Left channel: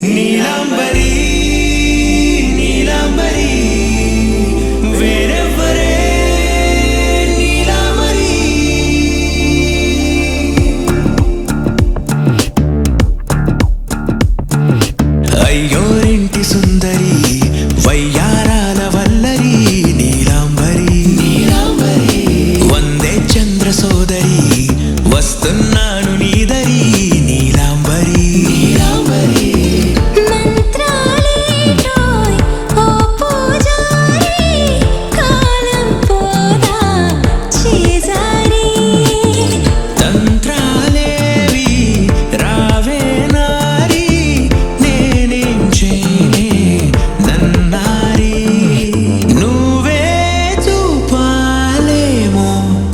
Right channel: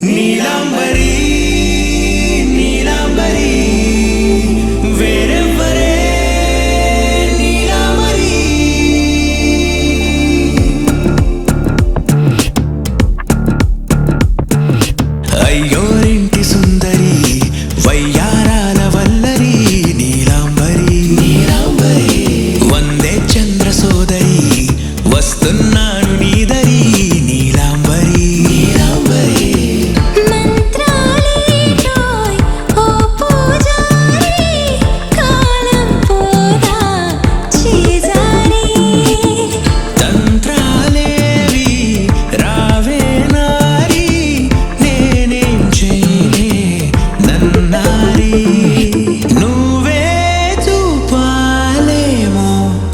నీలాంబరి నీలాంబరి వేరెవ్వరే నీలాంబరి అయ్యోరింటి సుందరి వయ్యారాల వల్లరి నీలాంబరి వందే చంద్ర సోదరి వస్తున్నాను నీదరి నీలాంబరి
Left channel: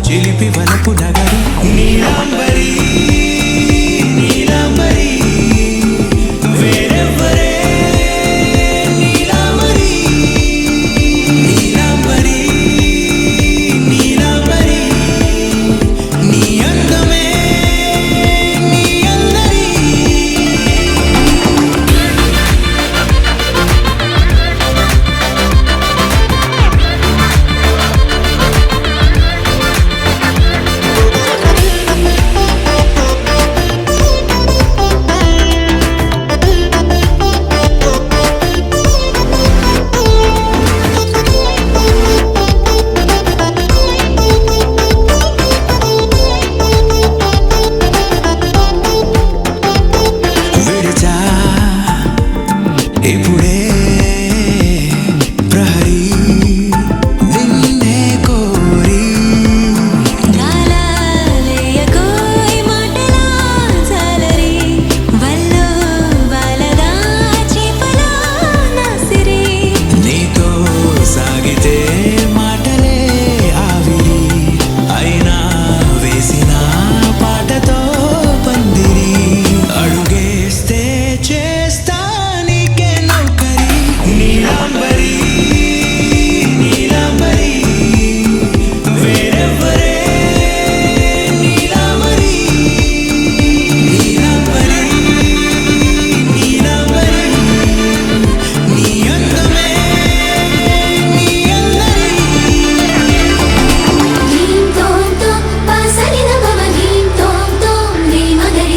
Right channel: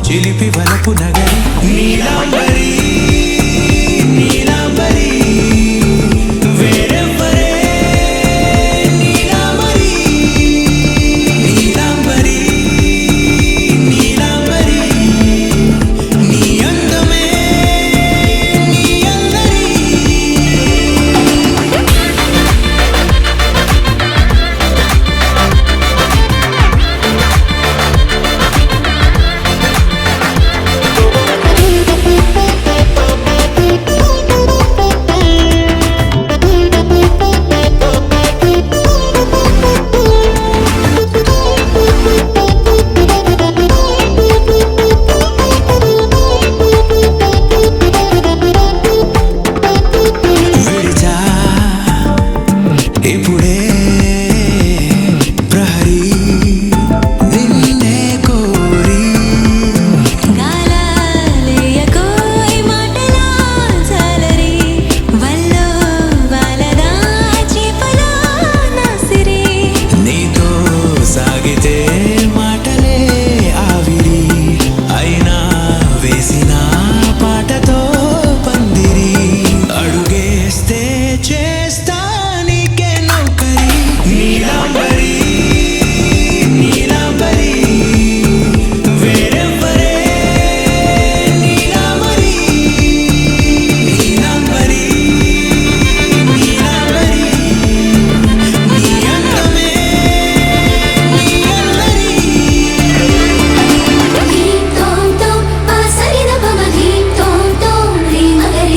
చిలిపి వలపు నగరి నీలాంబరి నీలాంబరి వేరెవ్వరే నీలాంబరి నీలాంబరి నీలాంబరి నీ అందమే నీ అల్లరి ఇప్పుడే ప్రహరీ నిన్నే కోరి గాలలేయకోయ్ మాటలా జాలరి వల్లో వాలదా చేపలా నాసిరి నీతో సాగితే మాటలే ఆవిరి అయినా వేసిన పాటతో పందిరి అడుగేస్తే చేస్తా నీలాంబరి నీలాంబరి వేరెవ్వరే నీలాంబరి నీలాంబరి నీలాంబరి నీ అందమే నీ అల్లరి ధీం తోం తోం పసరిద పమ ధీం తోం తోం రే మగరిసా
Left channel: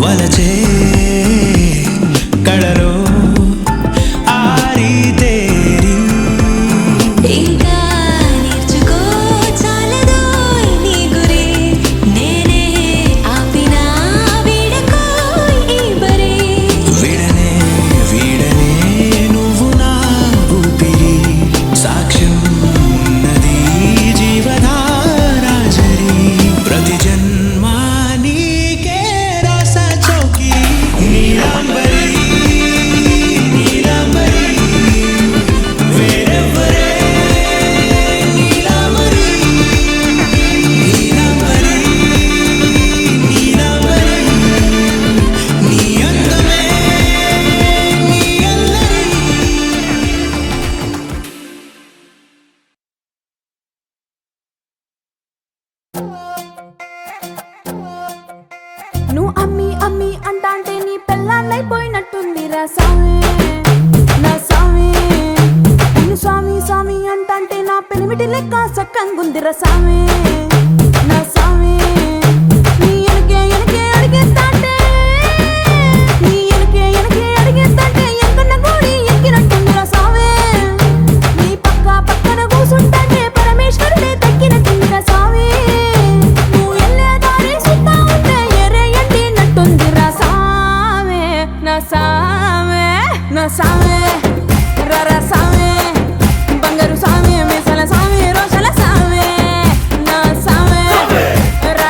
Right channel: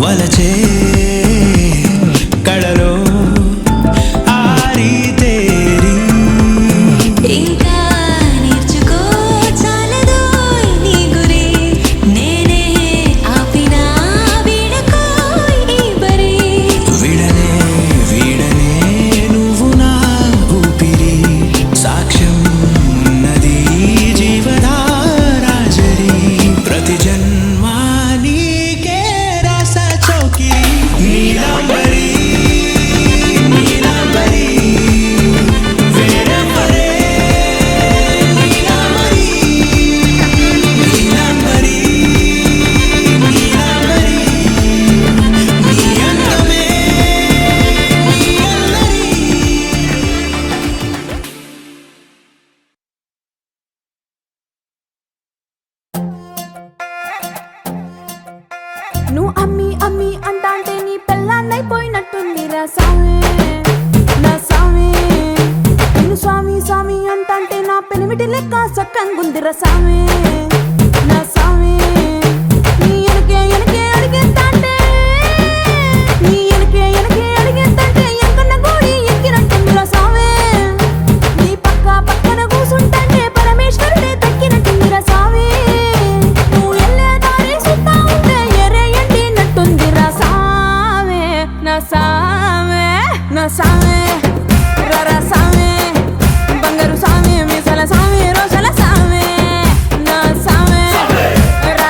వలచే కళలో ఆరి తేరి ఇంకా నేర్చుకో చాలదోయ్ నీ గురి నేనే ఆపినా వీడకోయ్ ఈ బరి వీడనే వీడనే నువ్వు నా ఊపిరి సాక్ష్యం ఉన్నది జీవధారాజరి ప్రతి జన్మా నీకే చౌకిరి నీలాంబరి నీలాంబరి వేరెవ్వరే నీలాంబరి నీలాంబరి నీలాంబరి నీ అందమే నీ అల్లరి నువ్వు అమ్మి అమ్మి అంటాంటే నీ పెళ్ళాన్నైపోయినట్టుందిరా సామి నా సామి నిన్ను స్వామి స్వామి అంటాంటే నా పెనిమిటి లెక్క సక్కంగుందిరా సామి నా సామి నీ ఎనకే ఎనకే అడిగేస్తాంటే నీ ఎనకే ఎనకే అడిగేస్తాంటే ఎంకన్న గోడి ఎక్కినట్టుందిరా సామి నీ పక్క పక్కన కూసుంటాంటే పరమేశ్వరుడే తక్కినట్టుందిరా సామి నువ్వు ఎల్లే దారి సుత్తా ఉంటే ఎర్రయ్యండినట్టుందిరా సామే నా సామే నా సామే రరా సామే బంగారు సామే మీసల సామే రోషల సామే నా సామే రా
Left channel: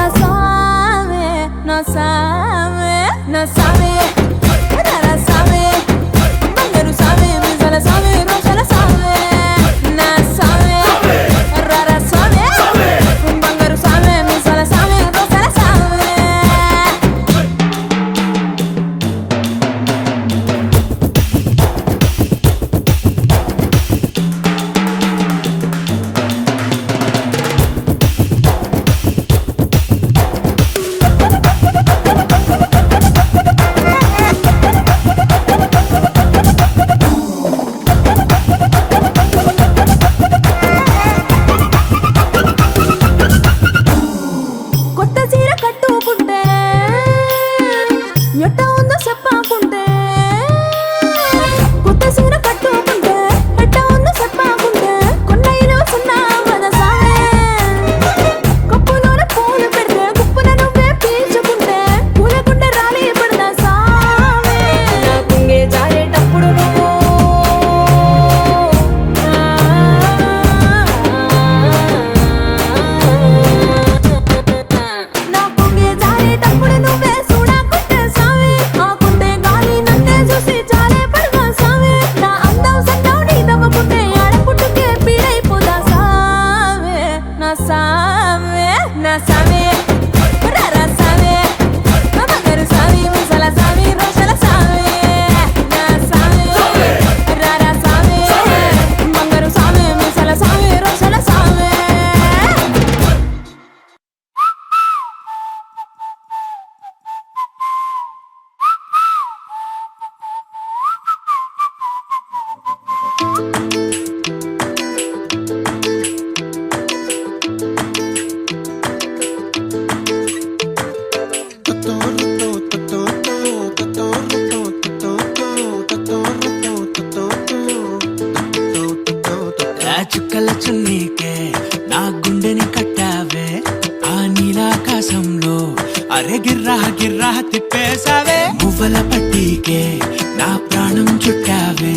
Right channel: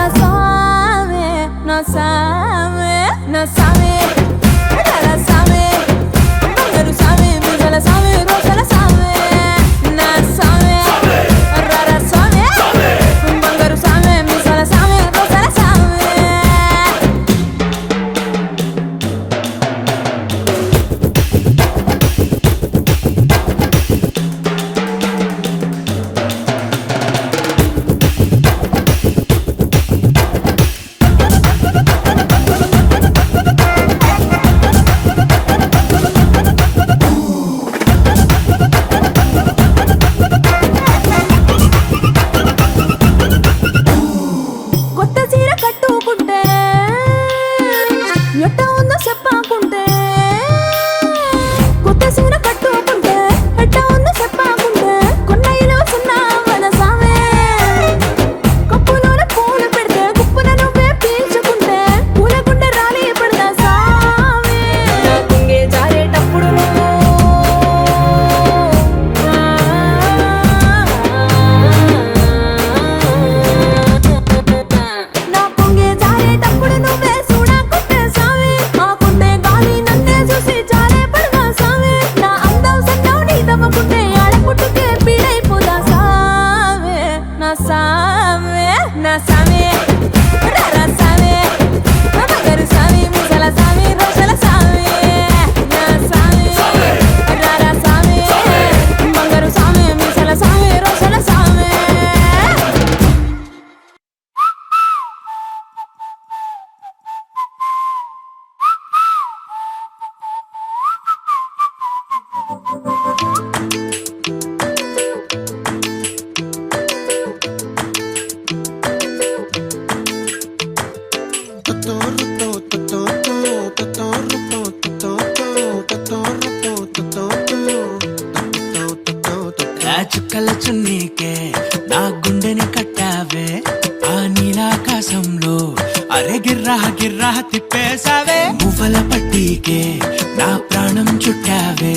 రా సామే నా సామే నా సామే రా సామే బంగారు సామే మిజల సామే రోషల సామే నా సామే రా సామే బంగారు సామే మిజల సామే రోషల సామే కొత్త చీర కట్టుకుంటే ఎట్ట ఉందో చెప్పాకుంటే కొత్త చీర కట్టుకుంటే ఎట్ట ఉందో చెప్పాకుంటే కొన్నయ్యలో సున్నా వదసావే కప్పులోన పూలు పెడితే గుప్పున నువ్వే పీల్చుకుంటే పూలకుండే రాలి పడదా సావే నా కుంగే జారేటప్పుడు నువ్వు నా పొంగే జారేటప్పుడు నువ్వే చూడకుంటే సావే ఆకుంటే గాలి నన్నే చూసి జారే పడగా సావే నా అందం సన్నం నీ దవ్వకుంటే ఆడపుట్టుకే పీడైపోదా సావే నా సావే నా సావే రా సావే నా బంగారు సావే ముసల సావే రోషల సావే నా సావే రా సావే బంగారు సావే ముసల సావే రోషల సావే ఆ చుక్కల చున్నీకే నా గుండెని కట్టావే ఆ నీలాకాశంలో అరే గిర్రా గిర్రా తిప్పేశావే మువ్వల పట్టీకే నా ప్రాణం చుట్టావే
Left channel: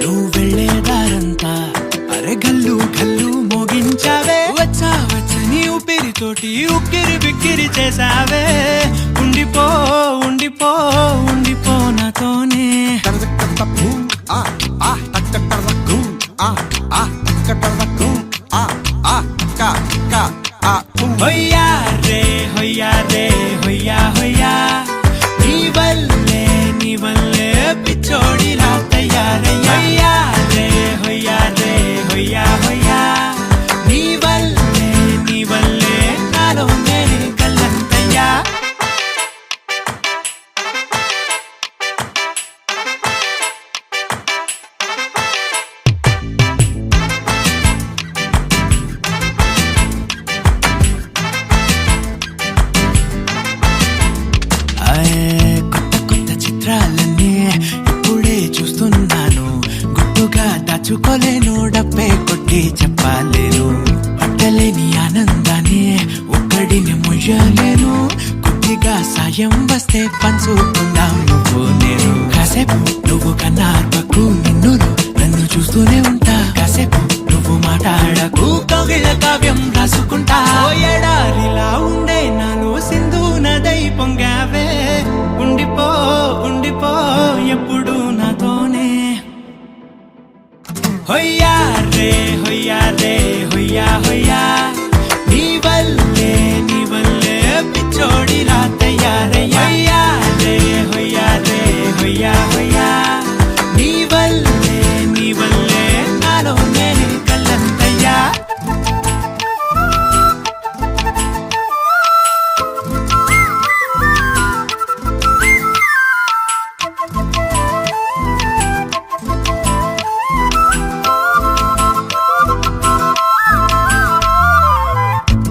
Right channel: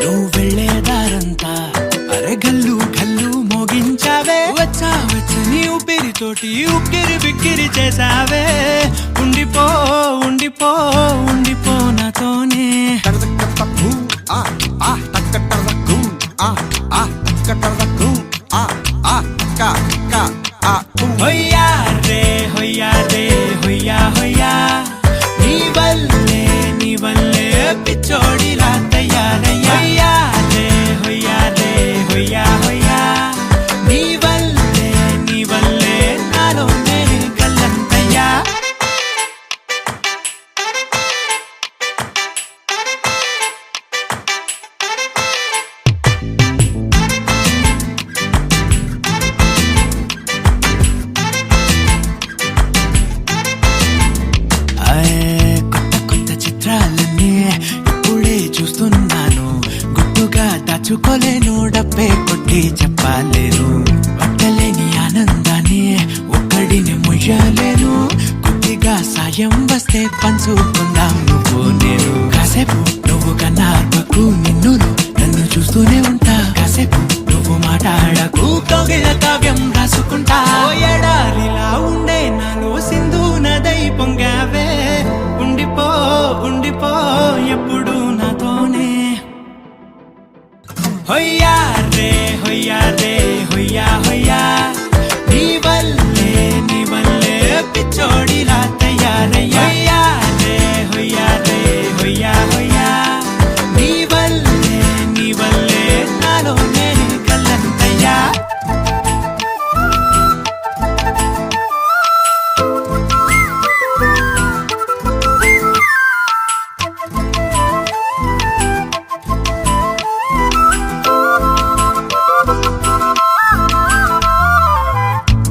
నువ్వు వెళ్ళే దారంతా అరే గల్లు గల్లు మోగించావే వచ్చా వచ్చని ఊపిరితోటి ఉక్కిరి బిక్కిరి చేసావే ఉండిపో ఉండిపో ఉండిపో నాతోనే హొయ్యా రే హొయ్యా రే హొయ్యా హొయ్యా నీ వల్లే పిచ్చోడిలా తయారయ్యా హొయ్యా రే హొయ్యా రే హొయ్యా హొయ్యా నీ వల్లే నాలోనే గల్లంతయ్యా కొత్త కొత్త చిత్రాలన్నీ ఇప్పుడే చూస్తున్నాను గుట్టుగా దాచుకోలేను డబ్బే కొట్టి చెప్పలేను పట్టలేని ఆనందాన్ని ఒక్కడిని మొయ్యలేను కొద్దిగా సాయం వస్తే పంచుకుందాం నువ్వు నేను కాసేపు నువ్వు కన్నార్పకు నిన్నులు నన్ను చూస్తూనే ఉంటా కాసేపు నువ్వు మాట్లాడకు కౌగిళ్ళ కావ్యం రాసుకుంటా ఓ ఎడారిలా ఉండే నాలో సింధు నదై పొంగావే ఉండిపో ఉండిపో ఎప్పుడు నాతోనే హొయ్యా రే హొయ్యా రే హొయ్యా హొయ్యా నీ వల్లే పిచ్చోడిలా తయారయ్యా హొయ్యా రే హొయ్యా రే హొయ్యా హొయ్యా నీ వల్లే నాలోనే కల్లంతయ్యా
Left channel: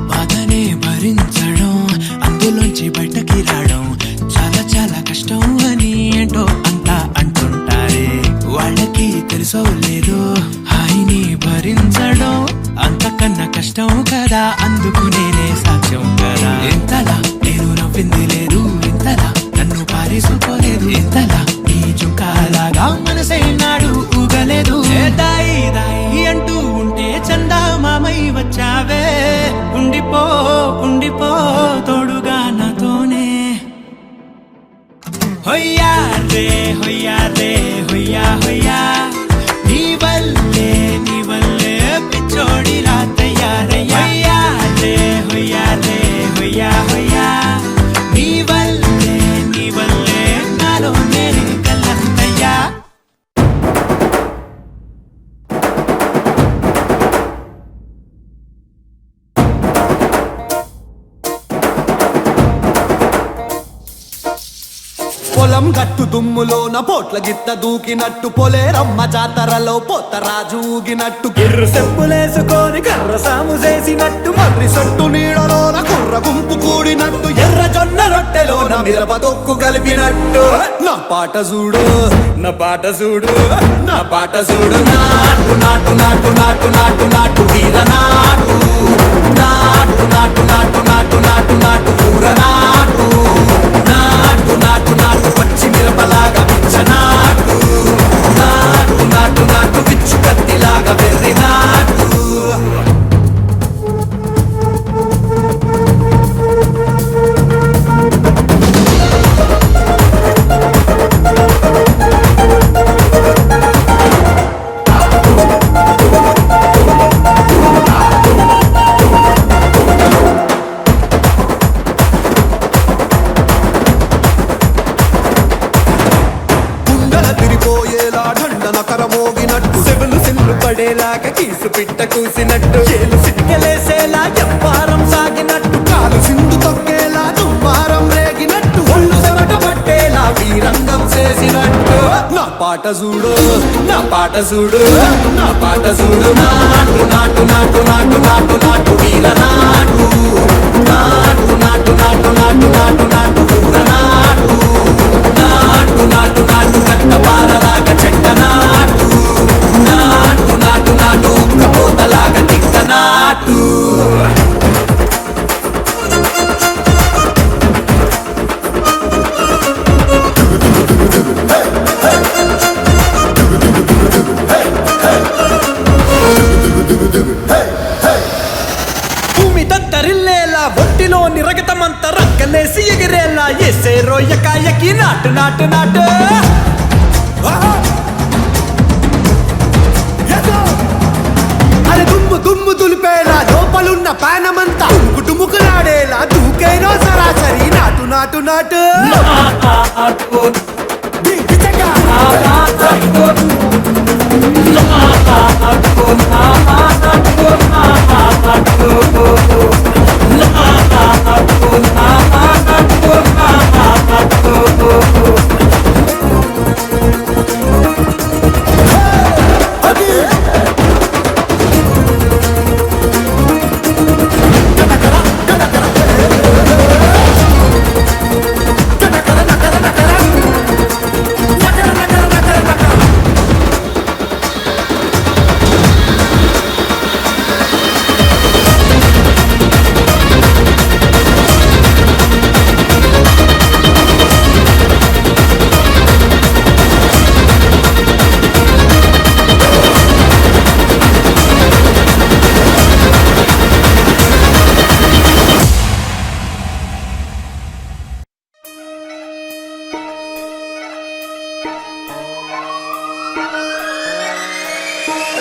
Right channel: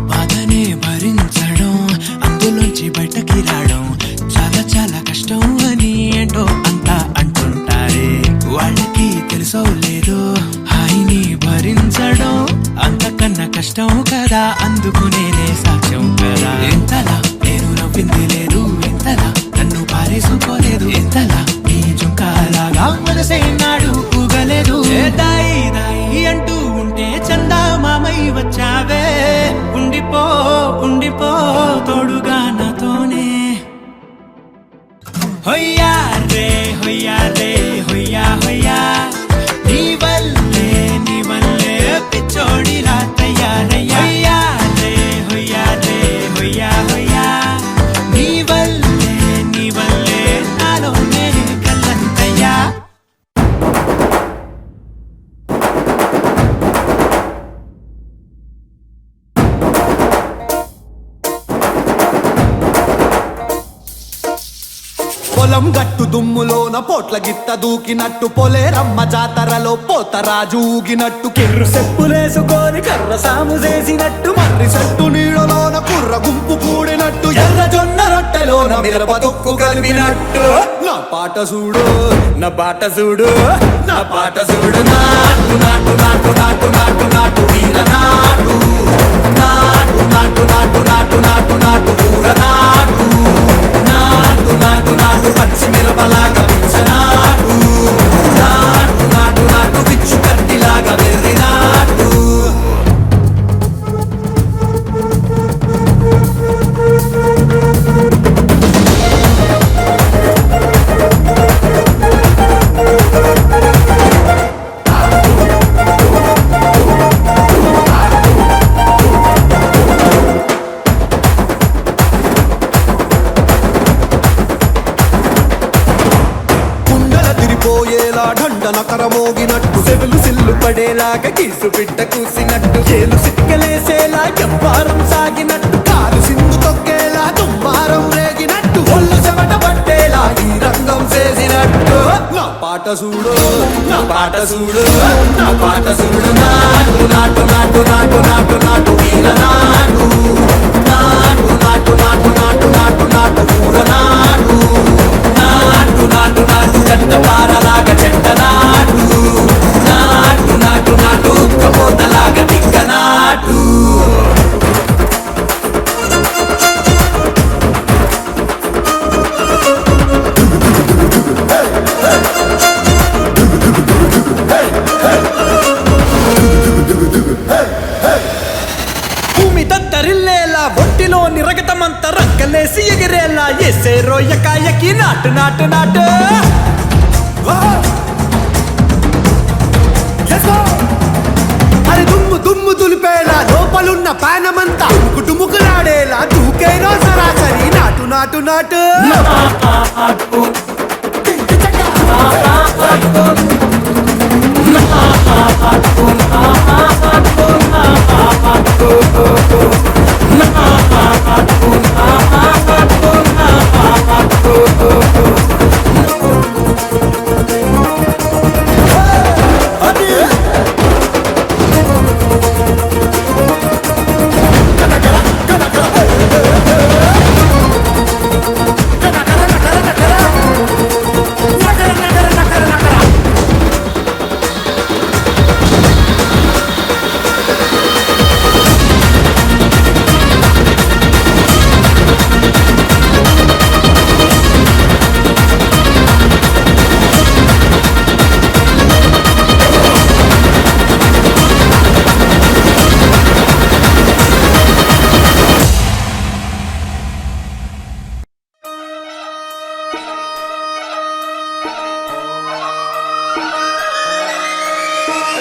బాధనే భరించడం అందులోంచి బయటకి రావడం చాలా చాలా కష్టం అని ఏంటో అంతా అంటుంటారే వాళ్ళకి తెలుసో లేదో హాయిని భరించడం అంతకన్నా కష్టం కదా అందుకు నేనే సాక్ష్యం కదా ఎంతలా నేను నవ్వింది లేదు ఎంతలా నన్ను పారేసుకోలేదు ఎంతలా నీ జుంకాలాగా మనసైనాడు ఊగలేదు దాయి దాయి అంటూ ఉంటే చందా మామై వచ్చావే ఉండిపో ఉండిపో తోడుగా నాతోనే హొయ్యా రే హొయ్యా రే హొయ్యా హొయ్యా నీ వల్లే పిచ్చోడిలా తయారయ్యా హొయ్యా రే హొయ్యా హొయ్యా నీ వల్లే నాలోనే కల్లంతయ్యా పొలం గట్టు దుమ్ములోన పోట్ల గిట్ట దూకినట్టు పొలేరమ్మ జాతరలో పోతరాజు ఊగినట్టు కిర్రు చెప్పులేసుకొని కర్ర సాము చేసినట్టు మర్రి సట్టు నీడలోన కుర్ర గుంపు కూడినట్టు ఎర్ర జొన్న రొట్టెలోన మిరప దొక్కు కలిపినట్టు నా పాట చూడు నా పాట చూడు నా పాట చూడు నాటు నాటు నాటు నాటు నాటు నాటు వీర నాటు నాటు నాటు నాటు నాటు నాటు నాటు పూర నాటు నాటు నాటు నాటు పచ్చి మిరపలాగా పిచ్చనాటు నాటు నాటు నాటు పిచ్చు కత్తిలాగా వెర్రి నాటు తిరిపోయేలా ఢండన కరమోగినట్టు సెగలు సిల్లు పడేలాగా కీసు పిట్ట కూసినట్టు చేలు సిక్కలేసేలా చెప్పారం సాగినట్టు కాలు సింధు తొక్కేలా దుమ్మారం రేగినట్టు ఒళ్ళు చెమట పట్టేలా ఈ రంగం చేసినట్టు నా పాట చూడు నా పాట చూడు నా పాట చూడు నాటు నాటు నాటు నాటు నాటు నాటు వీర నాటు నాటు నాటు నాటు నాటు నాటు నాటు పూర నాటు నాటు నాటు నాటు గట్ట పారలాగా చెట్ట నాటు నాటు నాటు నాటు కబోతలాగా టిక్క నాటు భూమి దద్దరిల్లేలా ఒంటిలో నిరగతమంత రక్కలేసి ఎగిరేలా ఎసే రోయకాయకి నాటు నాటు నాటు అరే దుమ్ము దుమ్ము దులిపేలా లోపలున్న పానమంతా టుముకులాడేలా దూకేనో సరాసరి నాటు నాటు నాటు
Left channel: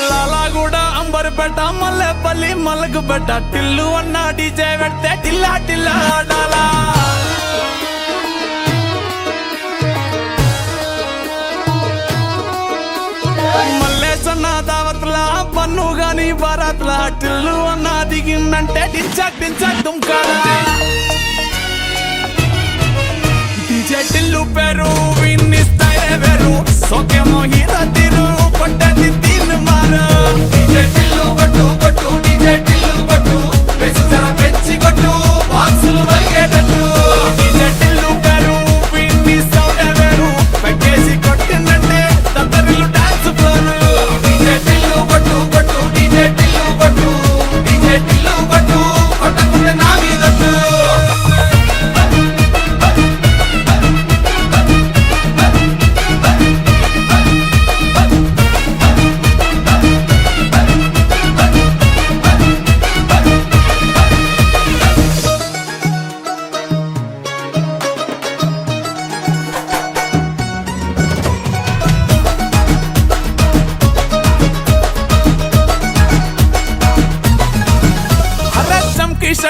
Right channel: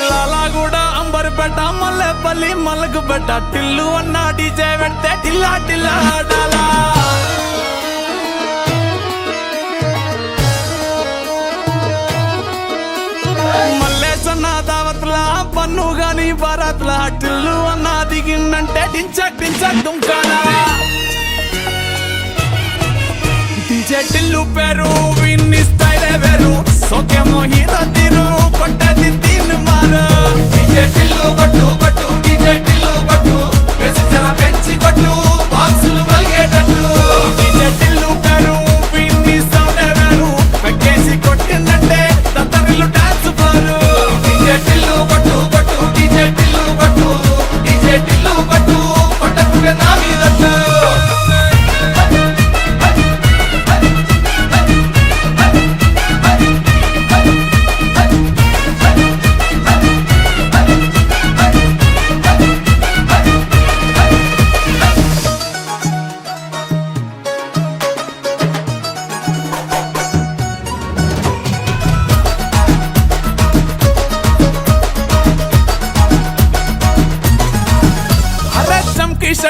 లాలాగూడ అంబర్పేట మల్లెపల్లి మలకపేట టిల్లు అన్న డీజే పెడితే టిల్లా టిల్లా ఆడాలా మల్లేసన్న దావత్లా పన్ను గాని బారాత్లా టిల్లు అన్న దిగిందంటే టించక్ టించక్ దుంకాలా డీజే టిల్లు పేరు విన్ని స్టైలే వేరు సోకేమో హీరో తీరు పట్టది తీన్ మారు డీజే టిల్లు పట్టు పట్టు డీజే టిల్లు పట్టు వెచ్చన పెంచి పట్టు బాక్సులు మలిగేటట్టు డీజే టిల్లు పేరు విన్ని సౌండే వేరు పెక్కేసి కొట్టిందంటే దత్తరిల్లు డాన్స్ ఫ్లోర్ డీజే టిల్లు పట్టు పట్టు డీజే టిల్లు పట్టు డీజే టిల్లు పట్టు కొట్టకునే నా మీద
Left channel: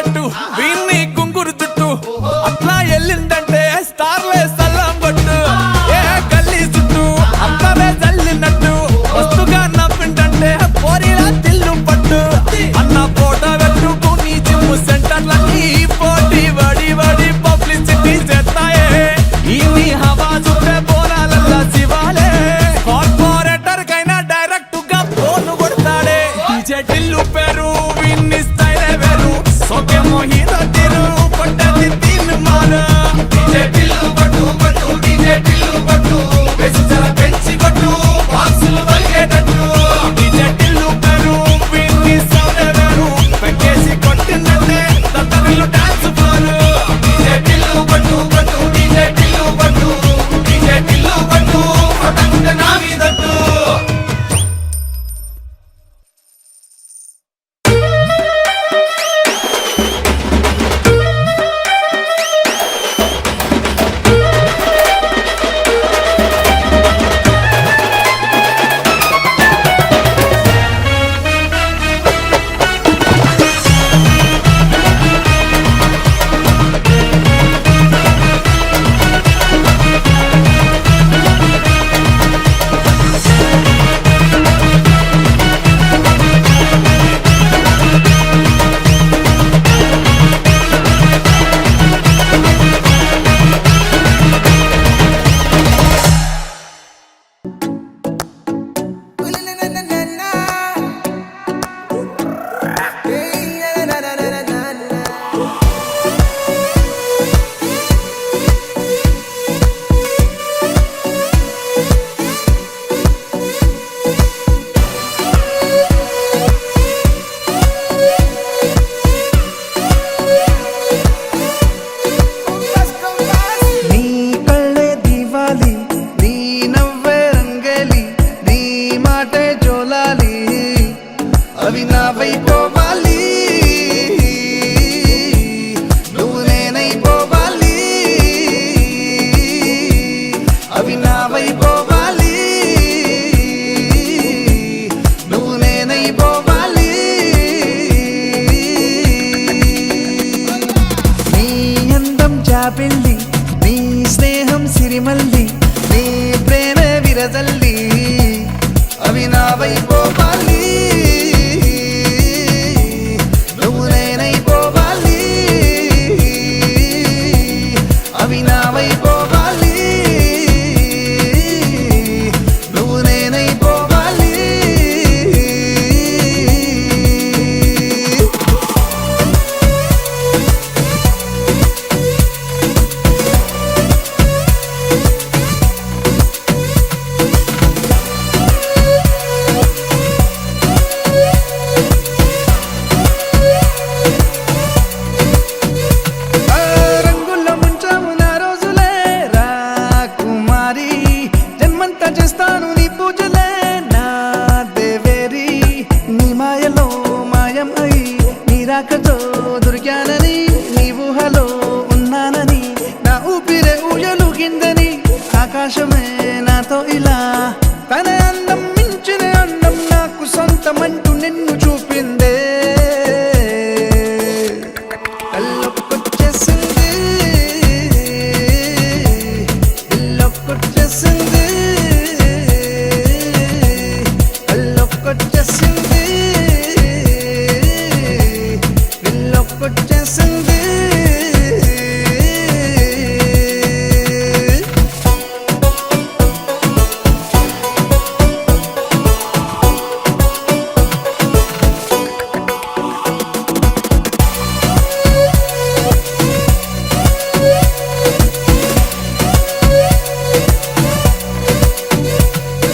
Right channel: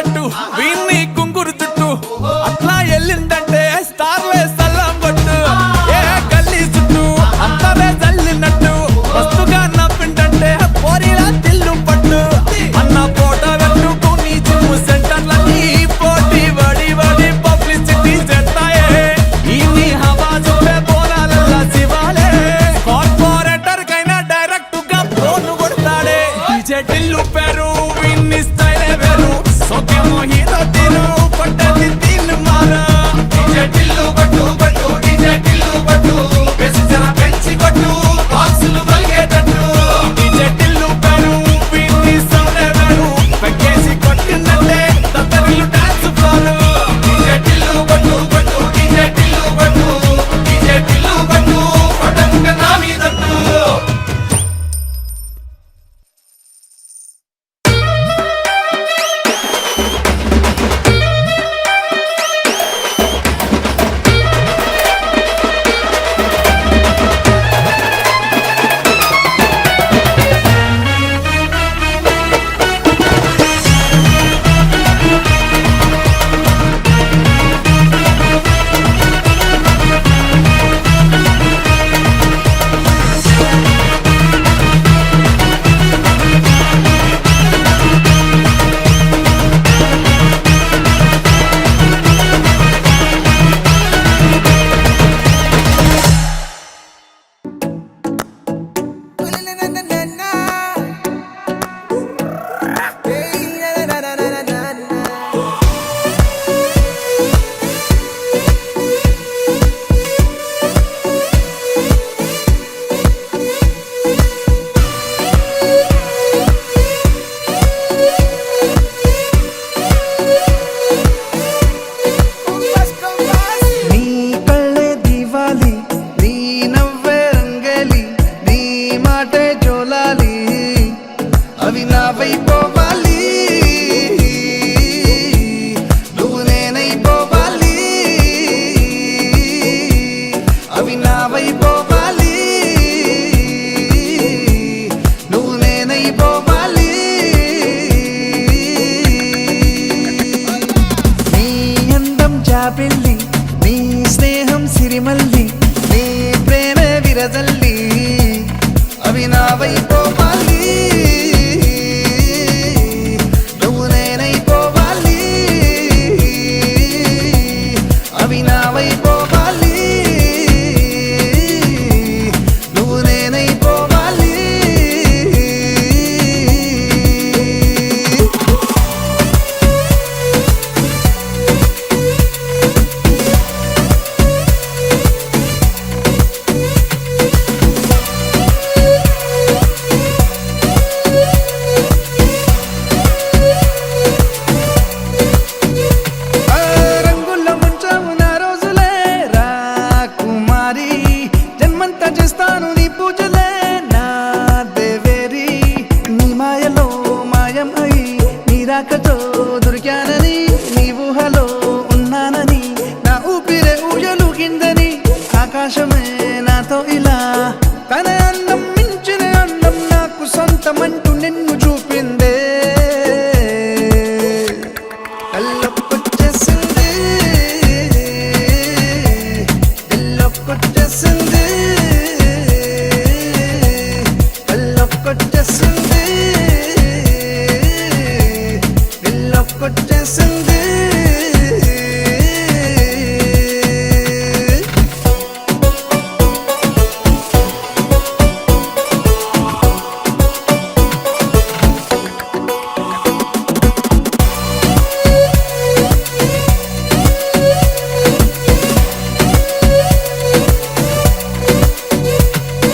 పట్టు వీన్ని కుంగురు చుట్టూ అట్లా ఎల్లిందంటే స్టార్లే సల్లం కొట్టు ఏ గల్లీ చుట్టూ అత్తరే జల్లినట్టు మస్తుగా నవ్విందంటే పోరిలా తిల్లు పట్టు అన్న ఫోటో పెట్టుకుని జిమ్ సెంటర్లన్నీ పోటీ వడి వడి పబ్లిసిటీ చేస్తాయే ఈ హవా చుట్టే బోనాలల్లా శివాలే కార్పొరేటర్ కైనా డైరెక్ట్ గా ఫోన్ కొడతాడే డీజే టిల్లు పేరు విన్ని స్టైలే వేరు సోకేమో హీరో తీరు పట్టది తీన్ మారు డీజే టిల్లు పట్టు పట్టు డీజే టిల్లు పట్టు బెస్ జర పెంచి కొట్టు బాక్సులు బలిగేటట్టు డీజే టిల్లు పేరు విన్ని సౌండ్ వేరు పెక్కేసి కొట్టిందంటే తత్తరిల్లు డాన్స్ ఫ్లోర్ డీజే టిల్లు పట్టు పట్టు డీజే టిల్లు పట్టు డీజే టిల్లు పట్టు పట్టంగా నా మీదట్టు నీ కళ్ళే దివాలి నీ నవ్వే రంగేలి నీ మాటే జోలాలి అవి నా వైపోవాలి నువ్వు నేనైపోవాలి అవి నా వైపోవాలి నువ్వు నేనైపోవాలి నీ అందం జాబిల్లి నీ స్నేహం సిరిమల్లి నీ ప్రేమ విరజల్లి అవి నా వైపోవాలి నువ్వు నేనైపోవాలి అవి నా వైపోవాలి నువ్వు నేనైపోవాలి ఆ రంగుల్లో ముంచాము నా రోజులే రా కుమారి జన్మంతా చేస్తాను నీ పూజలే నా దేవేరి నీ మాయలో మాయం అయి నీ రాకతో దొరికానని నీ ఊహలో ఉన్నానని నా ఊపిరే ఊయలుగిందని ఆకాశమే నాతో ఇలా తన అందం మించిన అందం నాకు సొంతమంటూ నిన్ను చూపిందే కళ్ళొక్కొచ్చేసింది ఇల్లొక్కొచ్చేసింది కళ్ళొక్కొచ్చేసింది ఇల్లొక్కొచ్చేసింది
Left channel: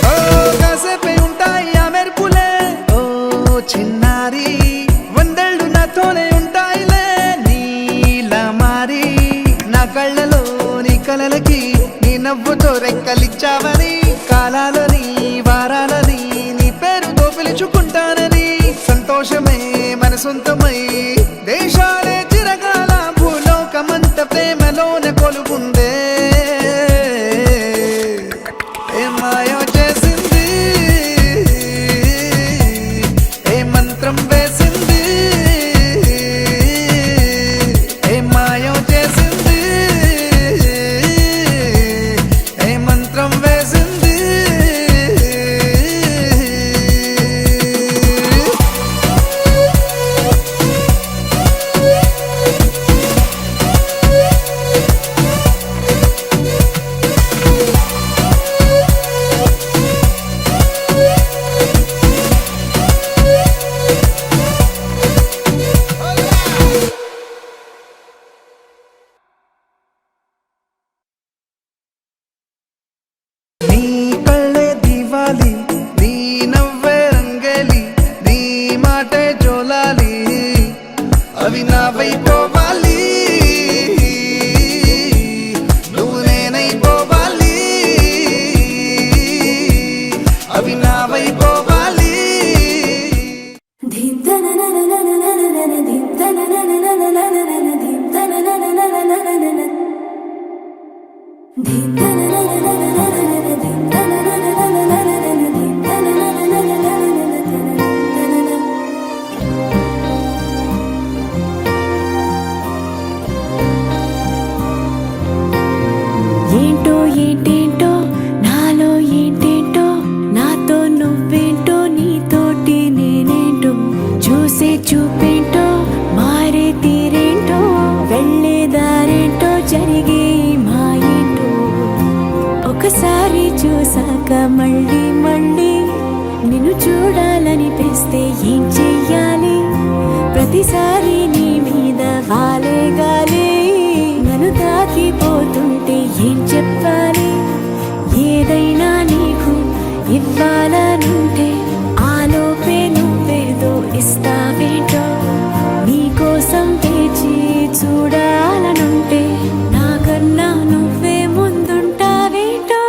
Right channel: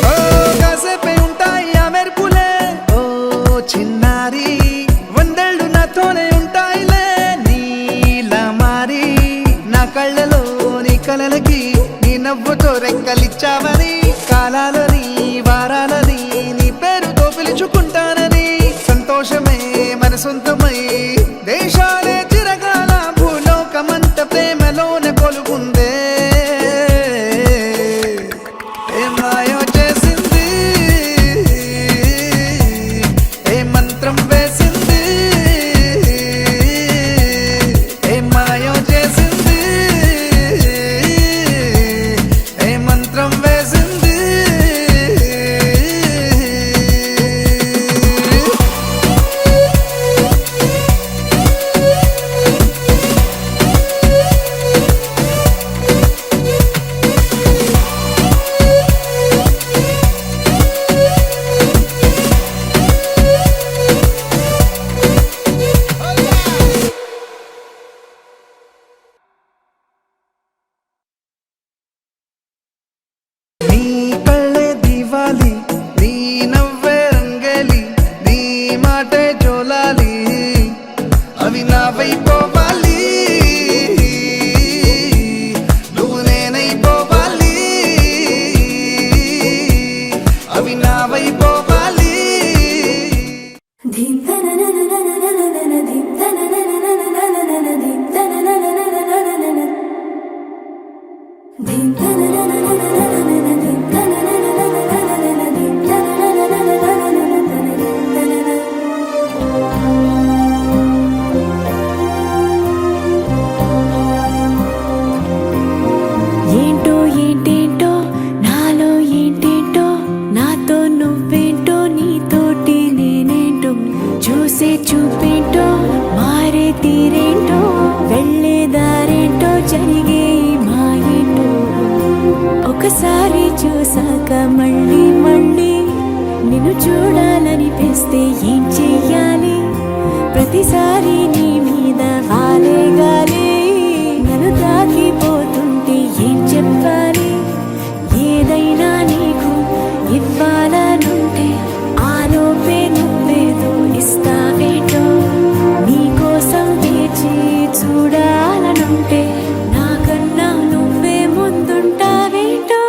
ఓ కాసేపే ఉంటాయి ఆ మెరుపులే ఓ చిన్నారి వందేళ్ళు నాతోనే ఉంటాయిలే నీలా మారి నా కళ్ళలో నీ కలలకి నీ నవ్వుతో రెక్కలిచ్చావని కాలాలని వారాలని నీ పేరుతో పిలుచుకుంటానని సంతోషమే మన సొంతమై దేశాలే చిరకాల భూలోకమంత ప్రేమలోన కొలుగుందే ఏ మాయో చేసింది ఏ మంత్రం వేసింది ఏంటో ఏంటేంటో నాలో ఏంటేంటో నాతో నువ్వేంటో నీతోటి నేనేంటో చూసే చూపేంటో మారే తీరేంటో వెళ్ళే దారేంటో జరిగే ఈ మాయేంటో ఒకసారి చూసాక మళ్ళీ మళ్ళీ నిన్ను చూడాలనిపిస్తే ఏం చెయ్యాలి ప్రతిసారి నీ మీద వాలే గాలి నన్ను తాకిపోతుంటే ఏం చెప్పాలి ఏదైనా నీకు ఇవ్వాలనుంటే ఆలోపే నువ్వేదో ఇస్తావేంటో నీకోసం వేచి చూడాలనుంటే నాకన్నా నువ్వే ముందుంటావేంటో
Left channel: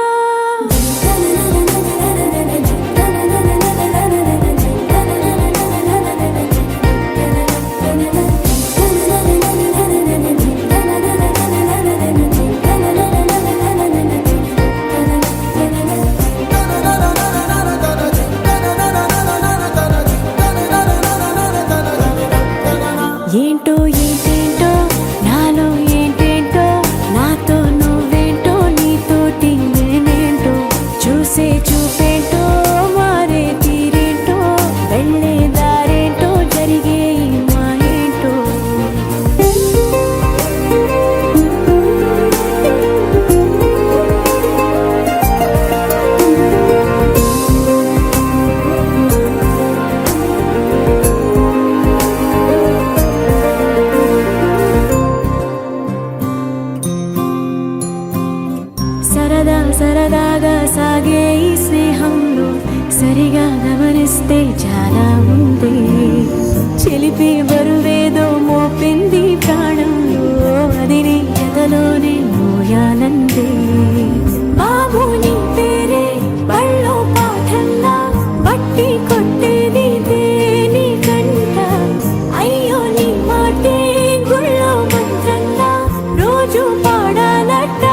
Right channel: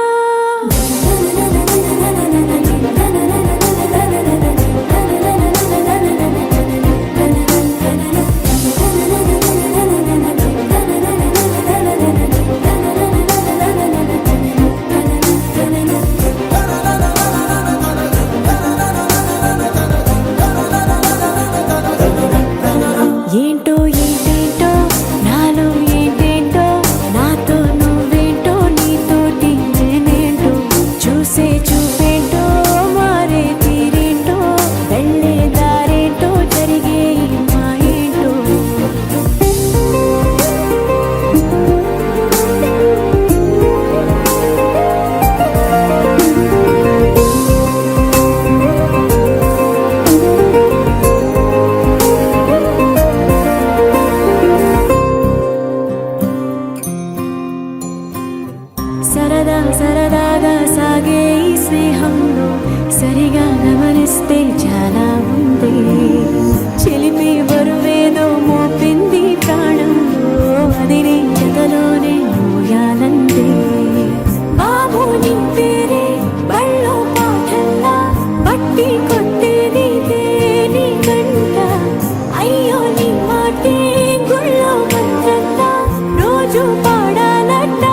ఏంటో ఏంటేంటో నాలో ఏంటేంటో నాతో నువ్వేంటో నీతోటి నేనేంటో చూసే చూపేంటో మారే తీరేంటో వెళ్ళే దారేంటో జరిగే ఈ మాయేంటో సరదా సరదాగా సాగే ఈ స్నేహంలో సరిగా గమనిస్తే చాలా ఉంది చిలిపి బరువేదో మోపింది ప్రాణంలో అది నీ జతలోనే మోయాలందే బాబు నీ పేరే బళ్ళో పాఠల్లా బట్టి కొట్టేది నీ కంట అయ్యో నీ మాటే గుళ్ళో మంత్రంలా రోజు పాడాలట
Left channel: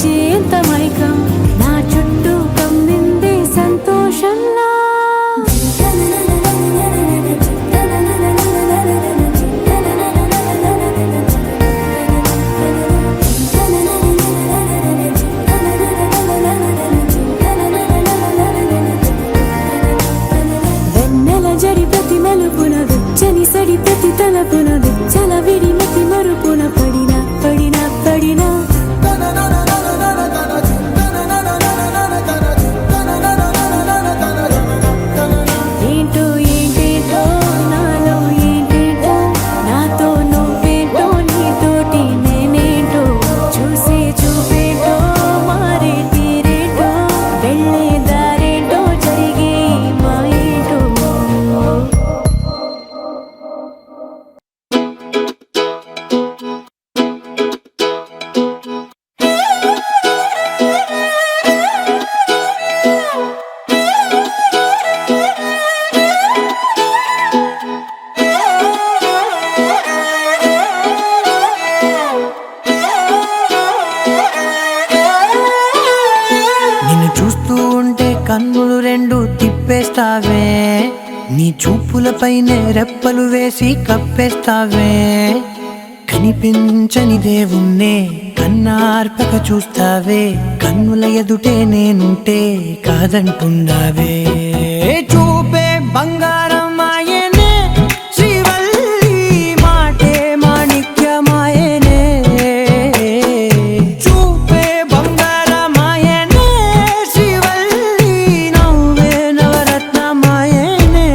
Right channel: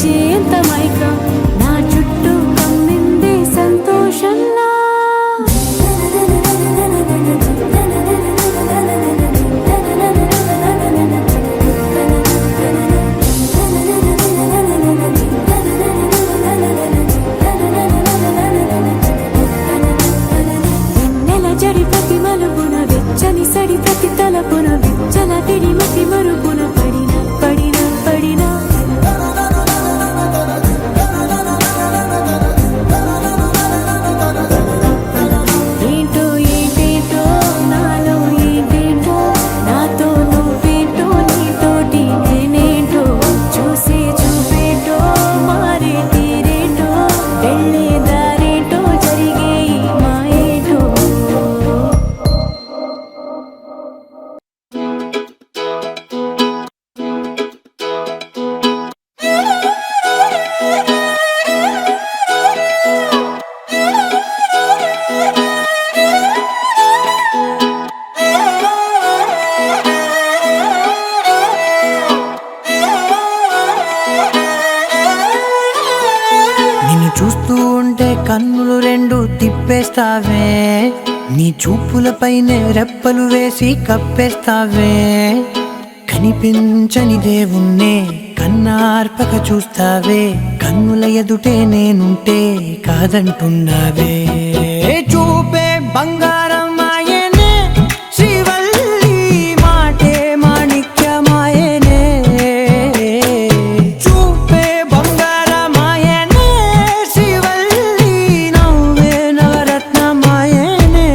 చేంత మైకం నా చుట్టూ కమ్మిందే సంతోషంలా వెన్నెల జడి ప్రతి మలుపున విచ్చని సడి ప్రతి తలపున విచ్చల విడి మతి మరుపున పడిన పడిన పడిన ఏంటో ఏంటేంటో నాలో ఏంటేంటో నాతో నువ్వేంటో నీతోటి నేనేంటో చూసే చూపేంటో మారే తీరేంటో వెళ్ళే దారేంటో జరిగే ఈ మాయేంటో నిన్ను చూస్తూ ఉంటే కన్నులు రెండు తిప్పేస్తావే నీ చూపులపైనే రెప్పలు వేసి కప్పేస్తావే కనిపించని దేవుణ్ణే కన్నార్పక చూస్తావే కన్నుల ఎదుటే నేనుంటే కాదంటున్నావే చూపే బంగారం ఆయనే శ్రీవల్లి మాటే మాణిక్యమాయనే చూపే బంగారమాయనే శ్రీవల్లి నవ్వే నవరత్నమాయనే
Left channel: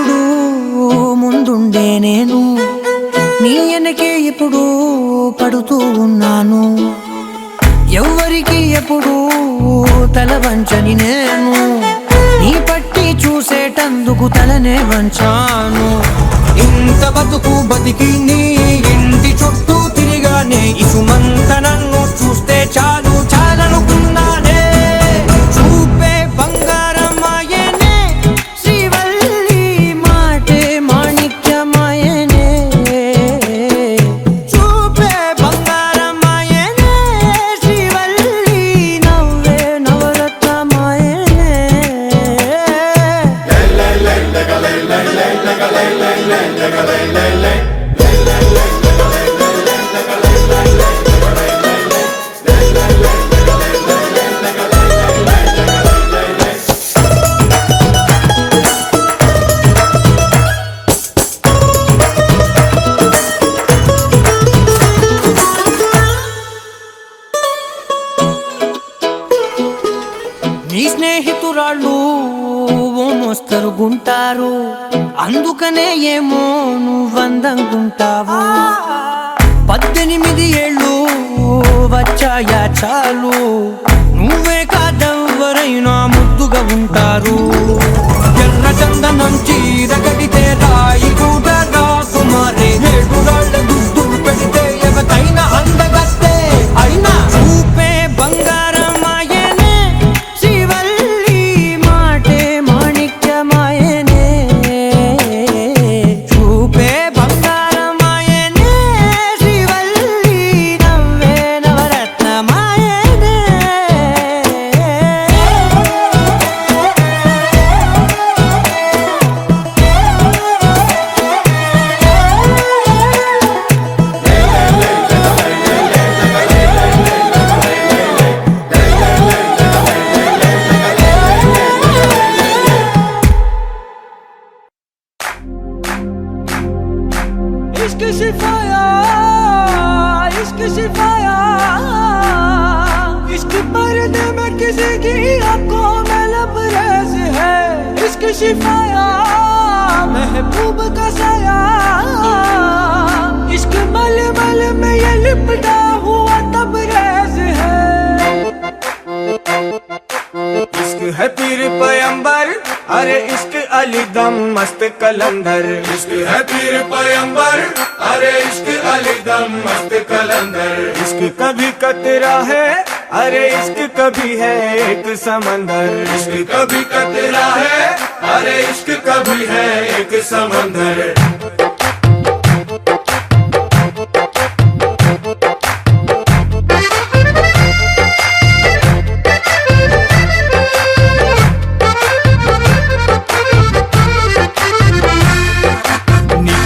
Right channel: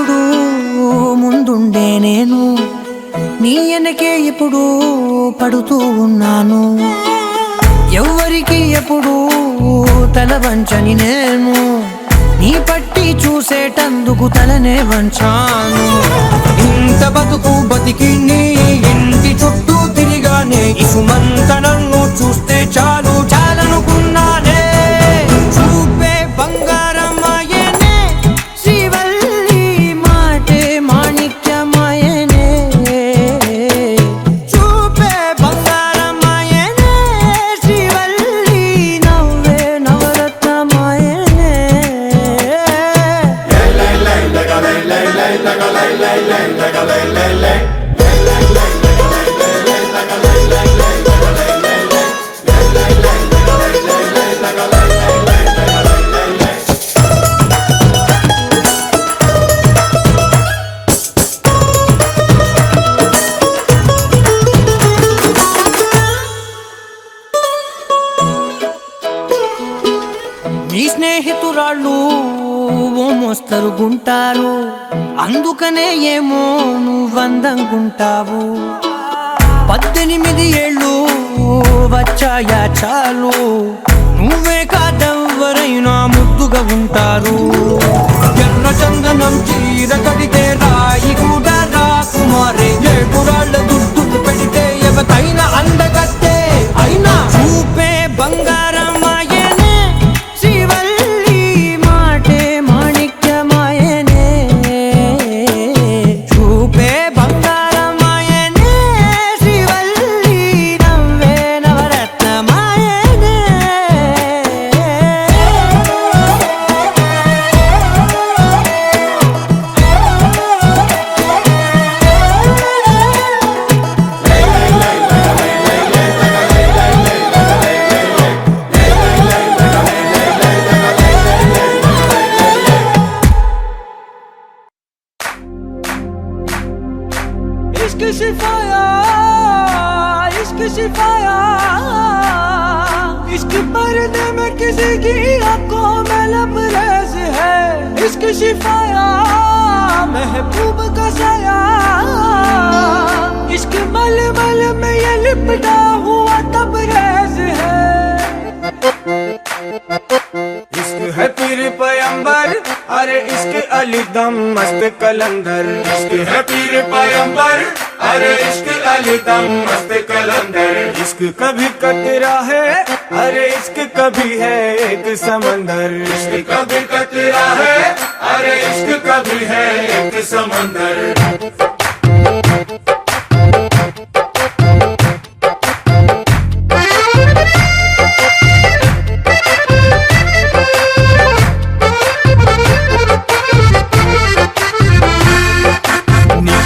ఎప్పుడు ముందుండే నేను నీ వెనకే ఇప్పుడు పడుతూ ఉన్నాను ఎవ్వరికి ఎప్పుడు తల వంచని నేను నీ పట్టి చూసేటందుకు తలనే వంచాను ఇంత బతుకు బతికి నీ ఇంటి చుట్టూ తిరిగానే ఇసుమంత నన్ను చూస్తే చాలు చాలనుకున్నానే చూపే బంగారమాయనే శ్రీవల్లి మాటే మాణిక్యమాయనే చూపే బంగారమాయనే శ్రీవల్లి నవ్వే నవరత్నమాయనే నీ స్నేహితురాళ్ళు ఓ మోస్తరుగుంటారు అందుకనే ఏమో నువ్వందంగుంటావు 18 ఏళ్ళు వచ్చాయా చాలు నువ్వే కాదెవ్వరైనా ముద్దుగా ఉంటారు ఎర్ర చందనం చీర కడితే రాయి కూడా రాకుమారే 7 రాళ్ళ దుద్దులు పెడితే ఎవతైనా అందగత్తే అయినా చూపే బంగారమాయనే శ్రీవల్లి మాటే మాణిక్యమాయనే చూపే బంగారమాయనే శ్రీవల్లి నవ్వే నవరత్నమాయనే इश्क शिफाया इश्क शिफाया इश्क पर्दे में किसी की आंखों में लबरेज है इश्क शिफाया महबूब का साया इश्क मल मल में ये लिपटा हुआ तबरेज है इश्क है पीर पैगंबर अरे इश्क अली दम मस्त कलंदर इश्क है पीर पैगंबर अरे इश्क अली दम मस्त कलंदर इश्क कभी कतरा है अरे इश्क कभी है एक समंदर इश्क कभी कतरा है अरे इश्क कभी है एक समंदर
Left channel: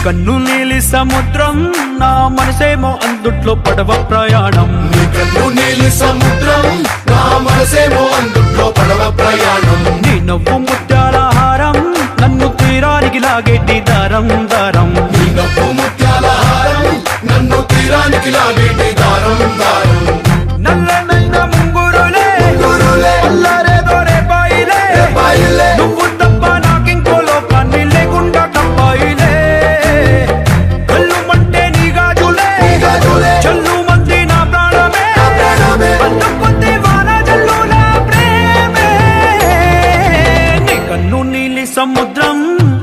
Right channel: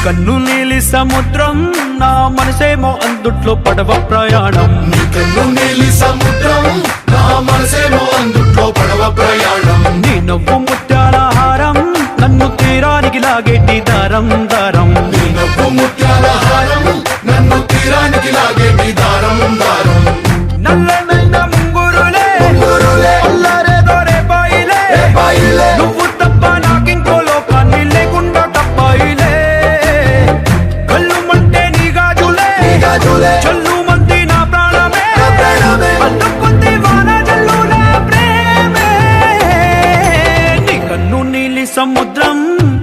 కన్ను నీలి సముద్రం నా మనసేమో అందుట్లో పడవ ప్రయాణం కన్ను నీలి సముద్రం నా మనసేమో అందుట్లో పడవ ప్రయాణం నీ నవ్వు ముత్యాల హారం నన్ను తీరానికి లాగేటి దారం దారం నీ నవ్వు ముత్యాల హారం నన్ను తీరానికి లాగేటి దారం దారం నల్లనైన ముంగురులే అల్లరే దొరే బాయిలే నువ్వు తప్ప నాకింకో లోకాన్ని లేకుండా కప్పాయిలే చల్లు మంది నా ప్రాణమే అల్లుకుంది వాన జల్లుల ప్రేమే నీ కన్ను నీలి సముద్రం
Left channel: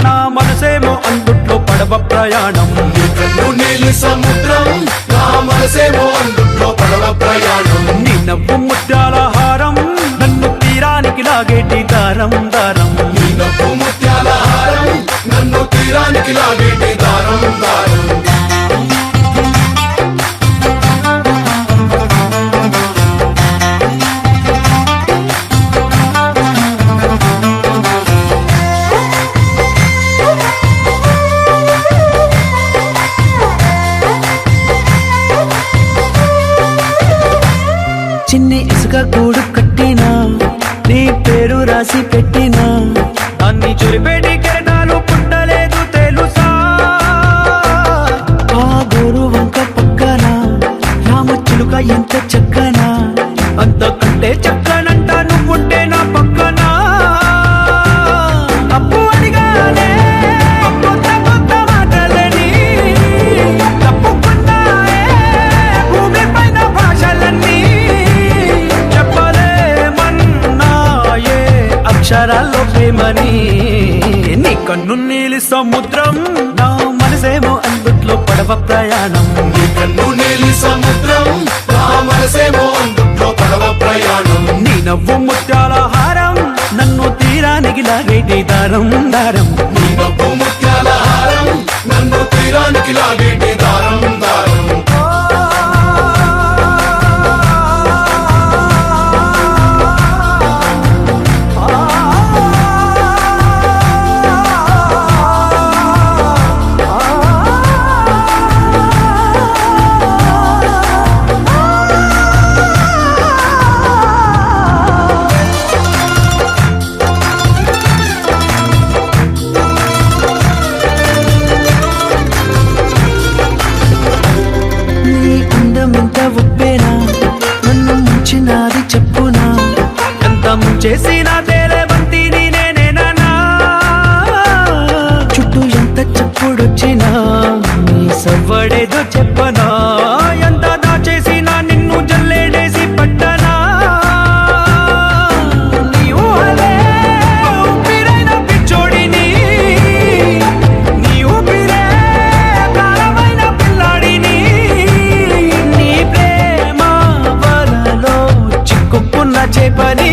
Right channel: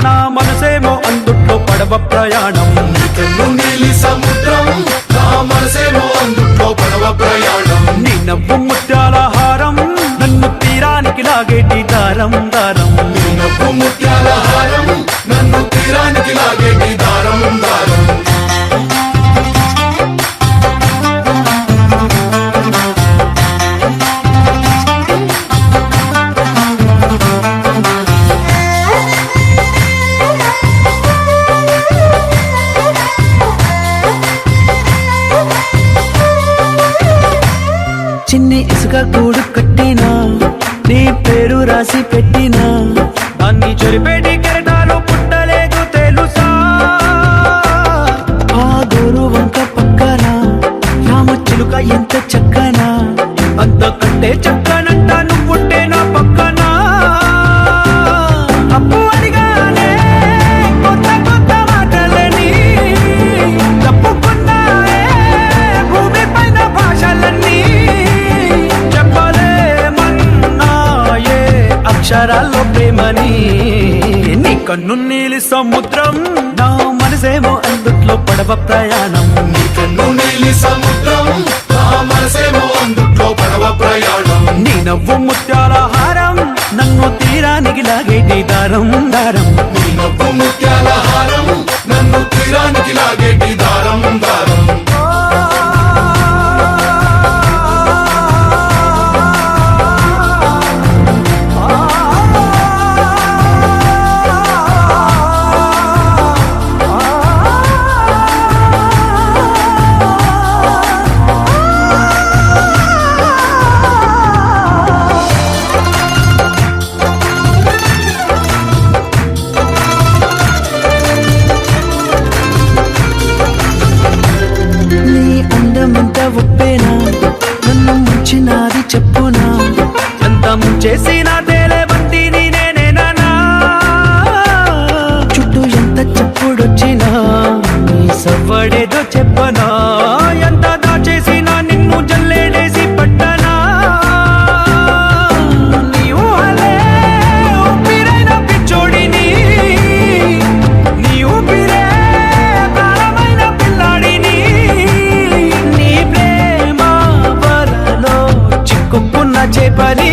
నా మనసేమో అందుట్లో పడవ ప్రయాణం కన్ను నీలి సముద్రం నా మనసేమో అందుట్లో పడవ ప్రయాణం నీ నవ్వు ముత్యాల హారం నన్ను తీరానికి లాగేటి దారం దారం నీ నవ్వు ముత్యాల హారం నన్ను తీరానికి లాగేటి దారం దారం చిన్ని ఇసుక గూడు కట్టినా నీ పేరు రాసి పెట్టినా దాన్ని చొరిపేటి కెరటాలు పుట్టలేదు తెలుసా ఆ గోరు వంక పక్కన రామచిలుక ఎంత చక్కనా అంతకంటే చక్కనంట నువ్వుంటే నా పక్కన అప్పు అడిగానే అక్షరాల్లో ప్రేమని. నీ కన్ను నీలి సముద్రం, నా మనసేమో అందుట్లో పడవ ప్రయాణం. నీ నవ్వు ముత్యాల హారం, నన్ను తీరానికి లాగేటి దారం దారం. ఎంత ఉప్పేనా నన్ను ముంచినాది చెప్పునా, ఎంత ముంచేసినా తేలేవంతి నేనేనా. చుట్టూ ఎంత చెప్పుడొచ్చినా నీ సవ్వడేదో చెప్పనా, ఎంత దాచేసినా నిన్ను జల్లేడేసి పట్టనా. నీ ఊహలే ఊపిరైన పిచ్చోడిని, నీ ఊపిరే ప్రాణమైన పిల్లాడిని. చిక్కుకున్న చేపని.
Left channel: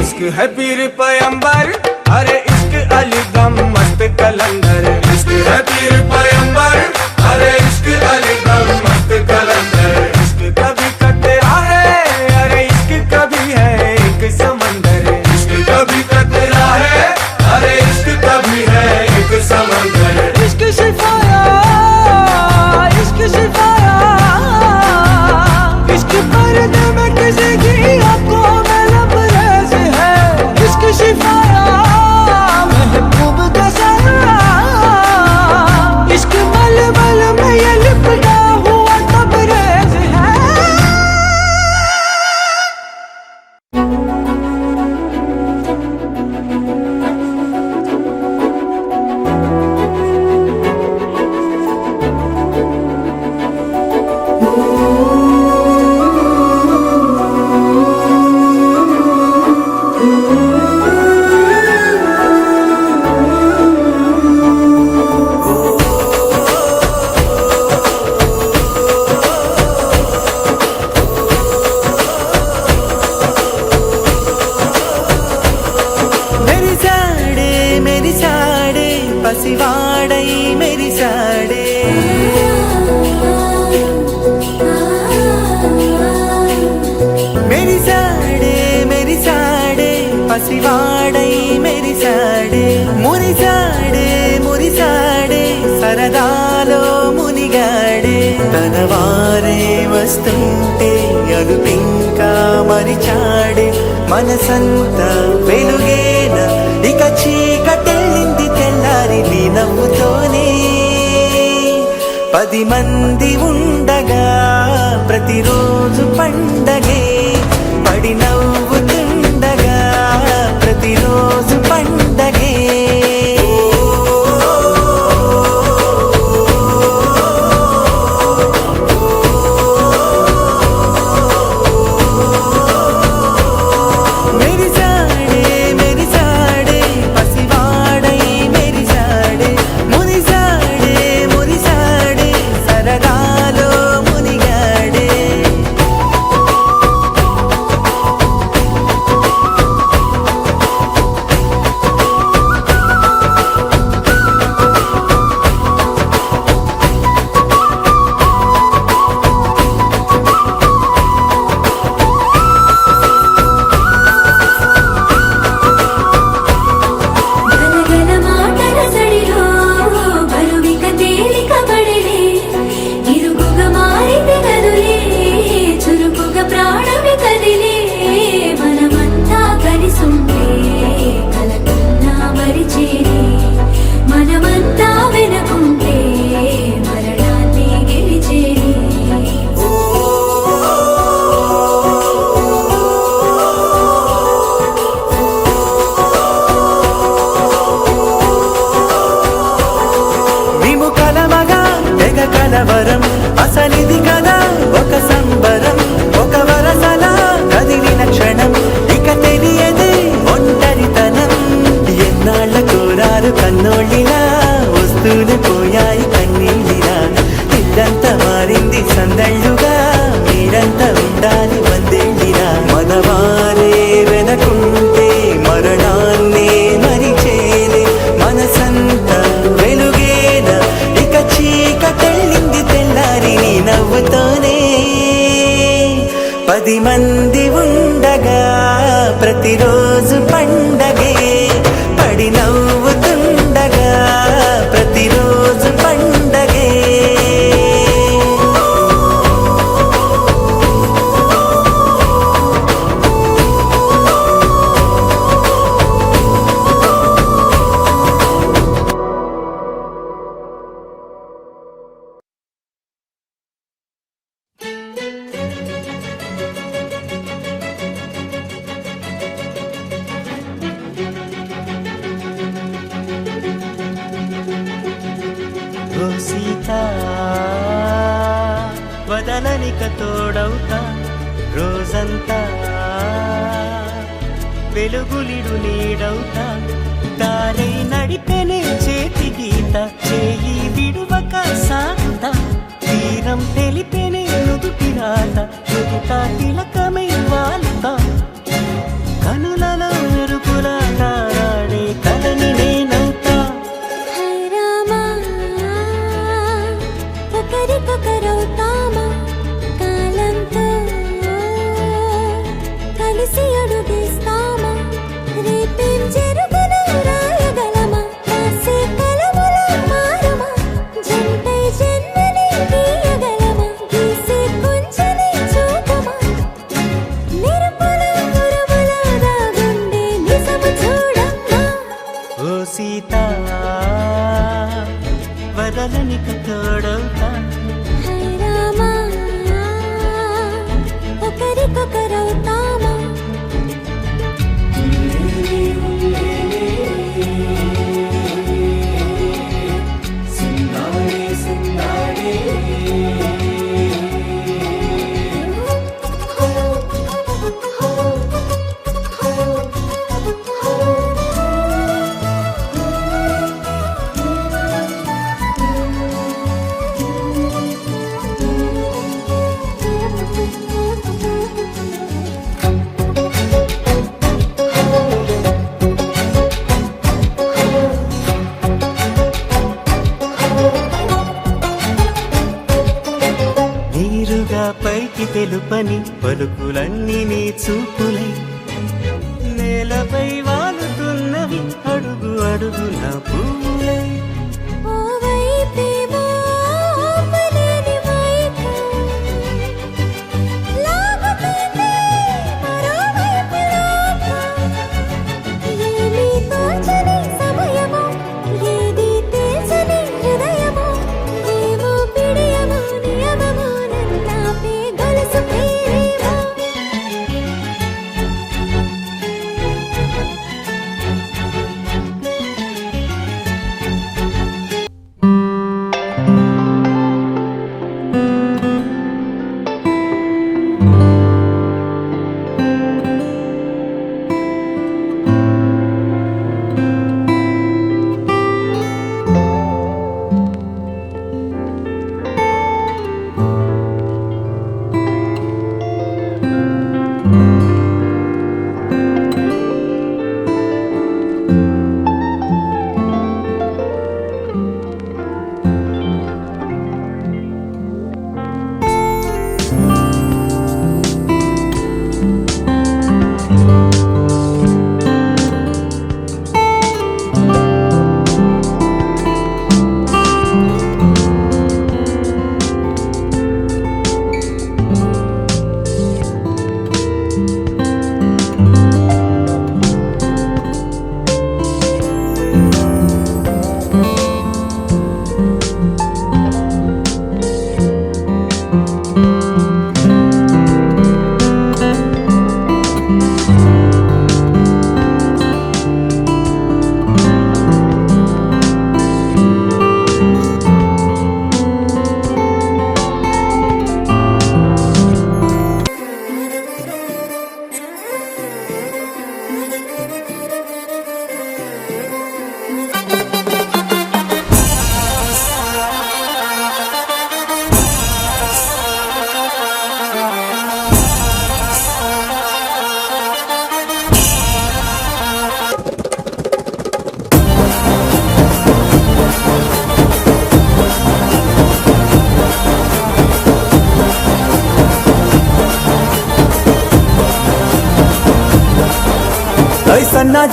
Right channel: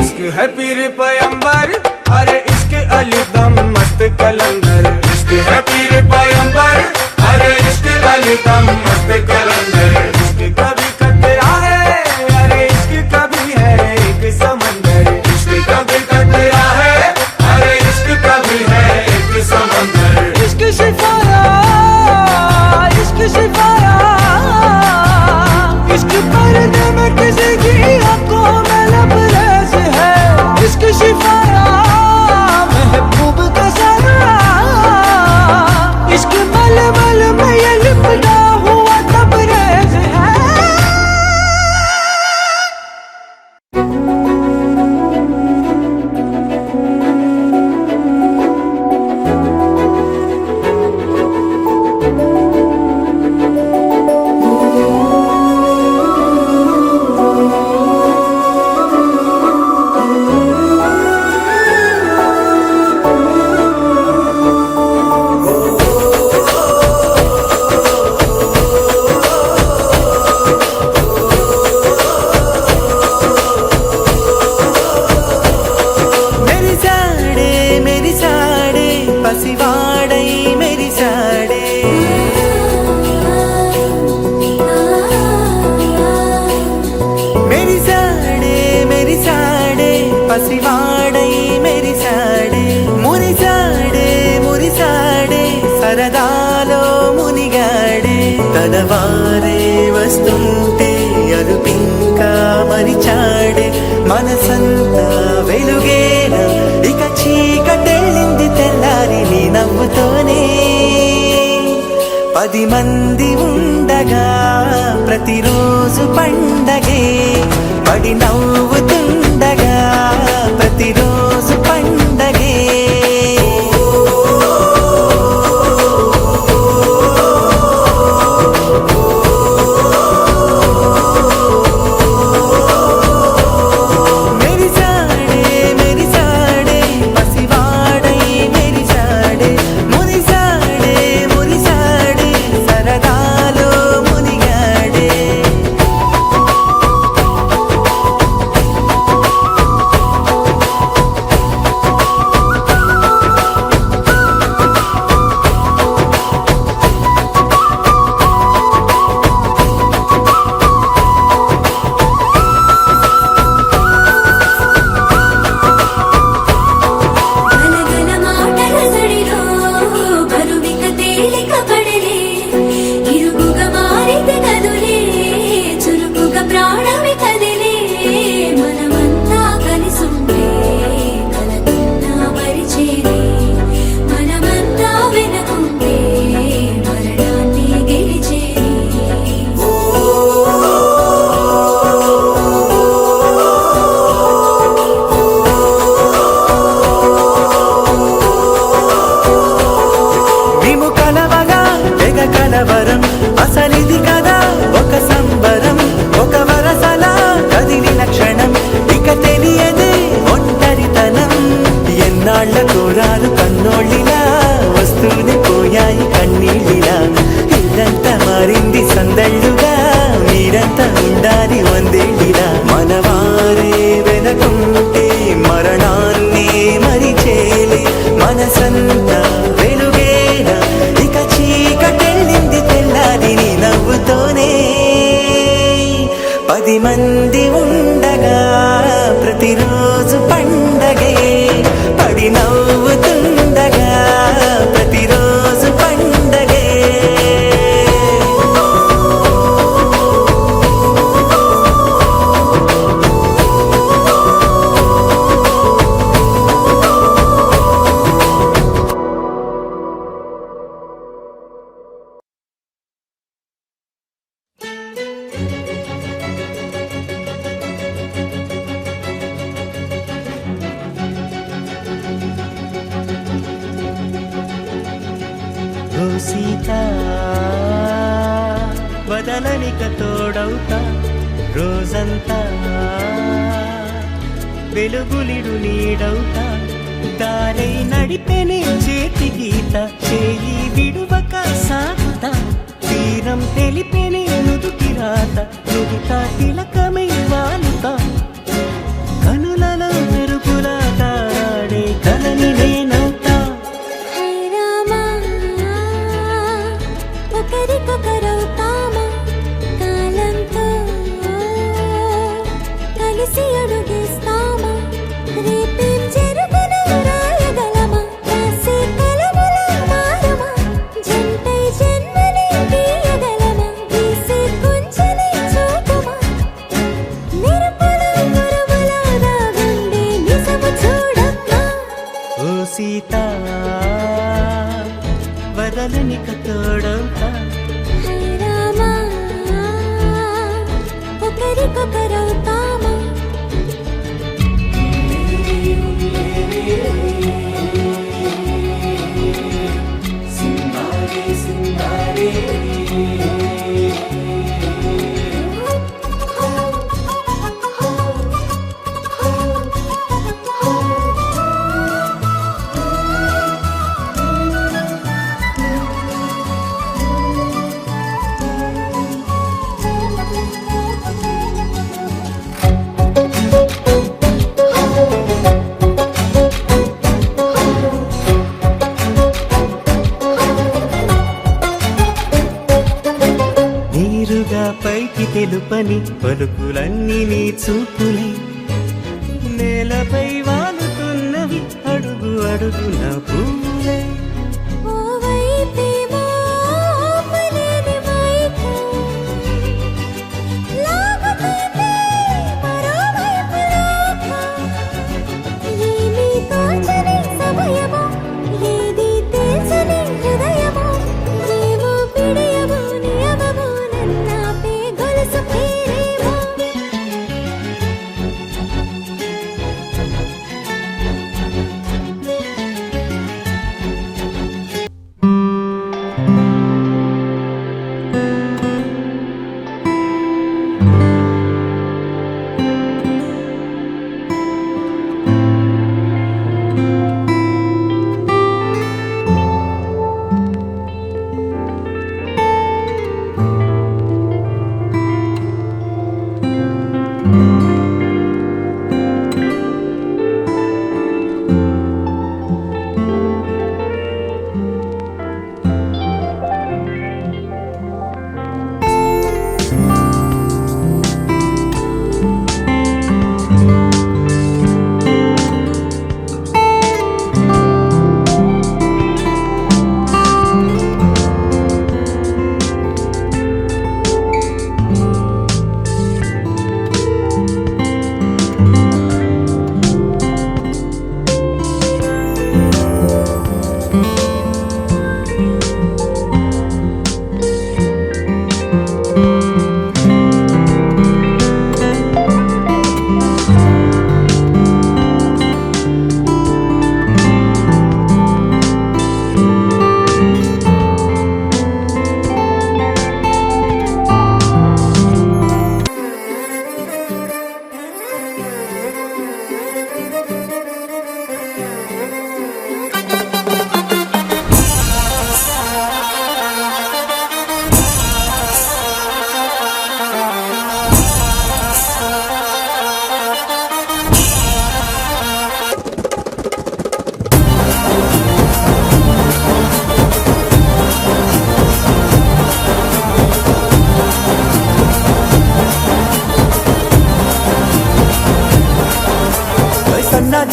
इश्क है पीर पैगंबर, अरे इश्क अली दम मस्त कलंदर. इश्क है पीर पैगंबर, अरे इश्क अली दम मस्त कलंदर. इश्क कभी कतरा है, अरे इश्क कभी है एक समंदर. इश्क कभी कतरा है, अरे इश्क कभी है एक समंदर. इश्क शिफाया, इश्क शिफाया, इश्क पर्दे में किसी की आंखों में लबरेज है. इश्क शिफाया महबूब का साया, इश्क मलमल में ये लिपटा हुआ तबरेज है. పసివాడై మెరిసాడే, మెరిసాడే మెరిసాడే పసివాడై మెరిసాడే. మురిసాడే మురిసాడే సరదాలో మునిగాడే. కనవారే వస్తుంటే అడుపింకా మరిచాడే. మనసంతా వెలుగేన ఇక చీకటెళ్ళింది తెల్లారి నీ నవ్వుతోనే. 10 మంది ఉండగా ప్రతిరోజు పండగే, పడి నవ్వుతుండగా ప్రతిరోజు పండగే. మెరిసాడే మెరిసాడే పసివాడై మెరిసాడే. మురిసాడే మురిసాడే సరదాలో మునిగాడే. గలగల మాటల సడిలో బరువిక తేలిక పడలే. ఇరుగుగా మారితే కదులే, చురుకుగా ప్రాణమి కదిలే. మనమంతా కలిసుంటే కలకున్నా మరిచేనే. మనమంతా వెనకుంటే మరణాన్ని గెలిచేనే. మేము కలవగా తెగ కలవరం, అసలిది కదా ఒక సంబరం. ఒక వరసలా కదిలిన క్షణం ఇక తెలియదే ఒంట ఓ సీత వదలనిక తోడవుతా రోజంతా వెలుగులిడు నీడవుతా దారై నడిపెనే చేతి గీత చేయి విడువక సాగుతా తీరం తెలిపెనే నుదుటి రాత నుదుట తిలకమై వాలుతా కనులలో మెరుపులా తారాడే కలని నేనవుతా హై రామా ఒకరికొకరవుతామా కాలంతో కలిసి అడుగేస్తామా రేపేం జరుగునో రాయగలమా రాసే కలములా మారమా జంటై జన్మని గీయగలమా గీసే కొంచెనే చూపుమా మెరుపుల మురముల దాగుండే నిజము చూడమ్మా ఓ సీత వదలనిక తోడవుతా హై రామా ఒకరికొకరవుతామా నీరుగా పైకి తెలుపని పలుకులన్నీ నీ చూపులై నేలపై వాలుతున్నవి అడుగు అడుగున పువ్వులై ఓ వైపేమో ఆపలేని మైకం లాగుతుంది మరోవైపు లోకం ఏమీ తోచని సమయమో ఏది తేల్చని హృదయమో ఏమో పిడియమో నియమమో నన్నాపే గొలుసు పేరేమో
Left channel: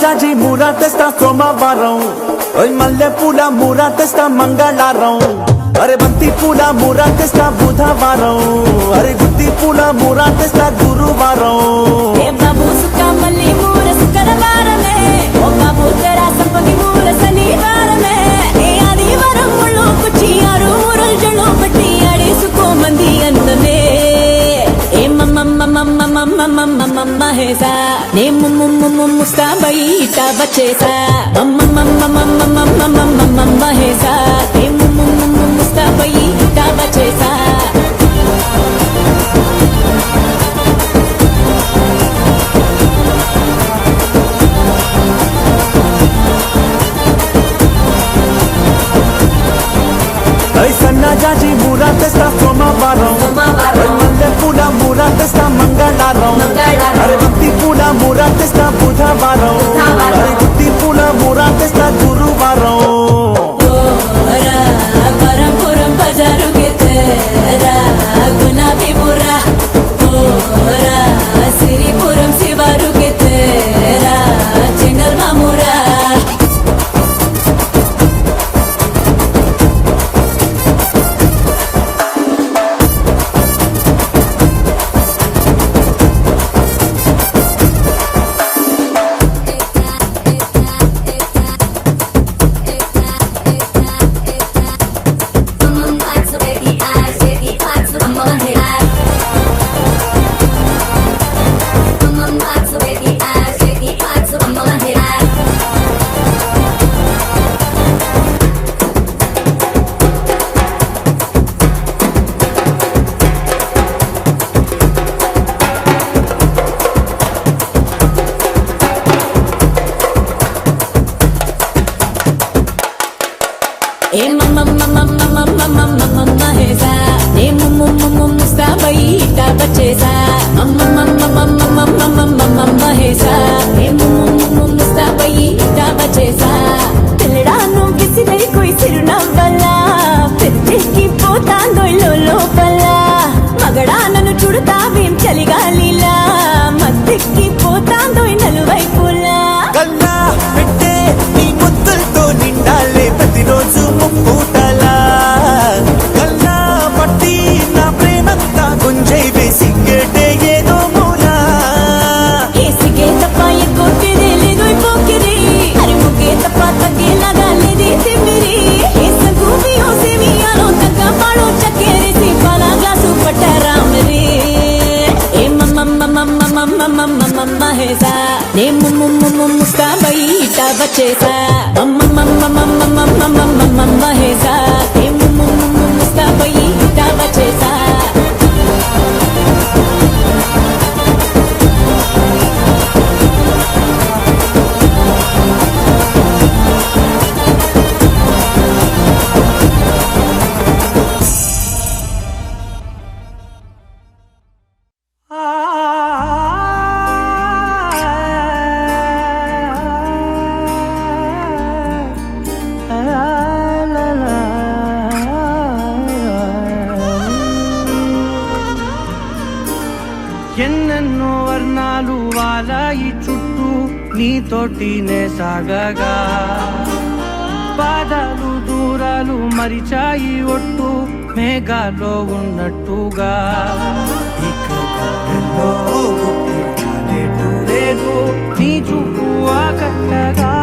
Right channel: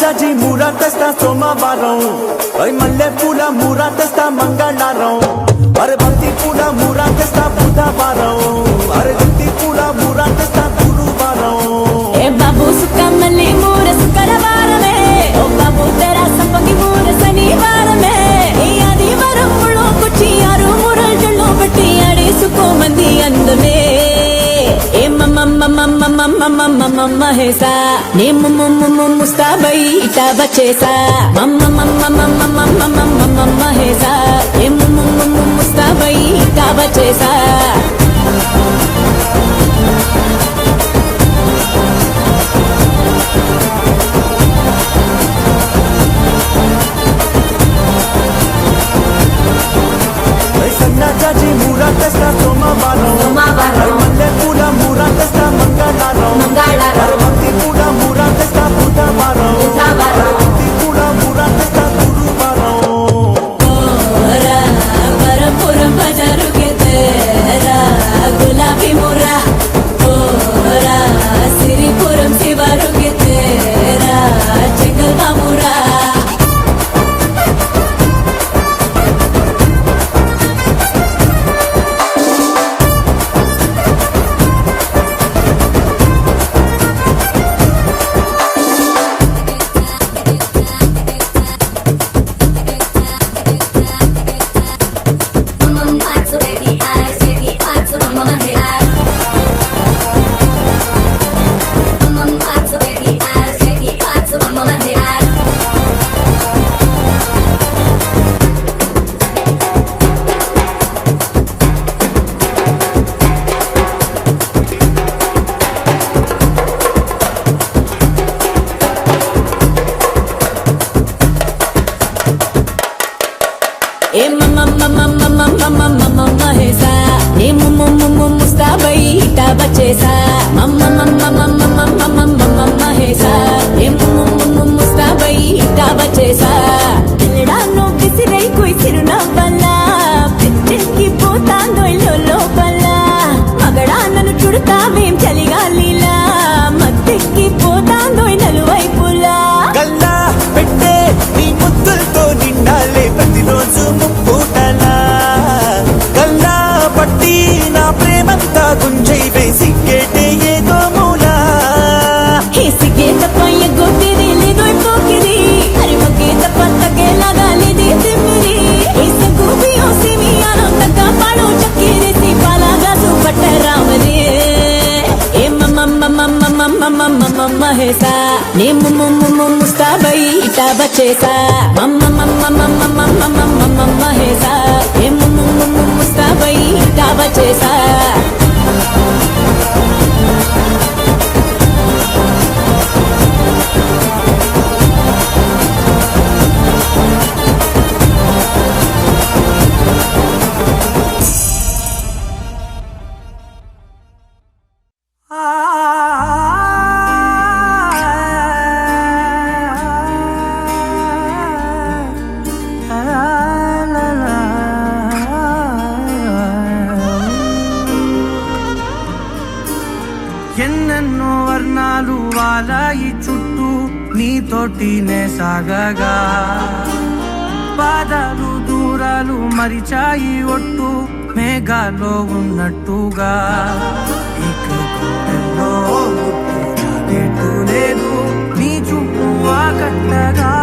జాజి మూరా తెస్తా సోమవారం మల్లె పూల మూరా తెస్తా మంగళవారం అరే బంతి పూల మూరా తెస్తా బుధవారం అరే గుత్తి పూల మూరా తెస్తా గురువారం ఏ బాబు సుక్కమల్లి మూర శుక్రవారమే ఓ బాబు తెరా సప్పని మూర శనివారమే ఈ ఆదివారం ముళ్ళు కుచ్చి ఆరు మురజులు పెట్టి ఆడిసుకో మంది అందమే ఏ మమ్మ హేసా ఏ ముస్తాబై ఇటా బచేసా మమ్మ హేసా ఏ చేసా మహేసా ముస్తాబై దావా చేసా ఎన్నెన్నో వర్ణాలు వాలాయి చుట్టూ నీతోటినే సాగగా పాదాలు దూరాలు మరిచాయి ఒట్టు మేఘాలో ఉన్నట్టుగా ఇక గుండెల్లో గుట్టు చాలేటు లేదు నీ చూపు ఆకట్టగా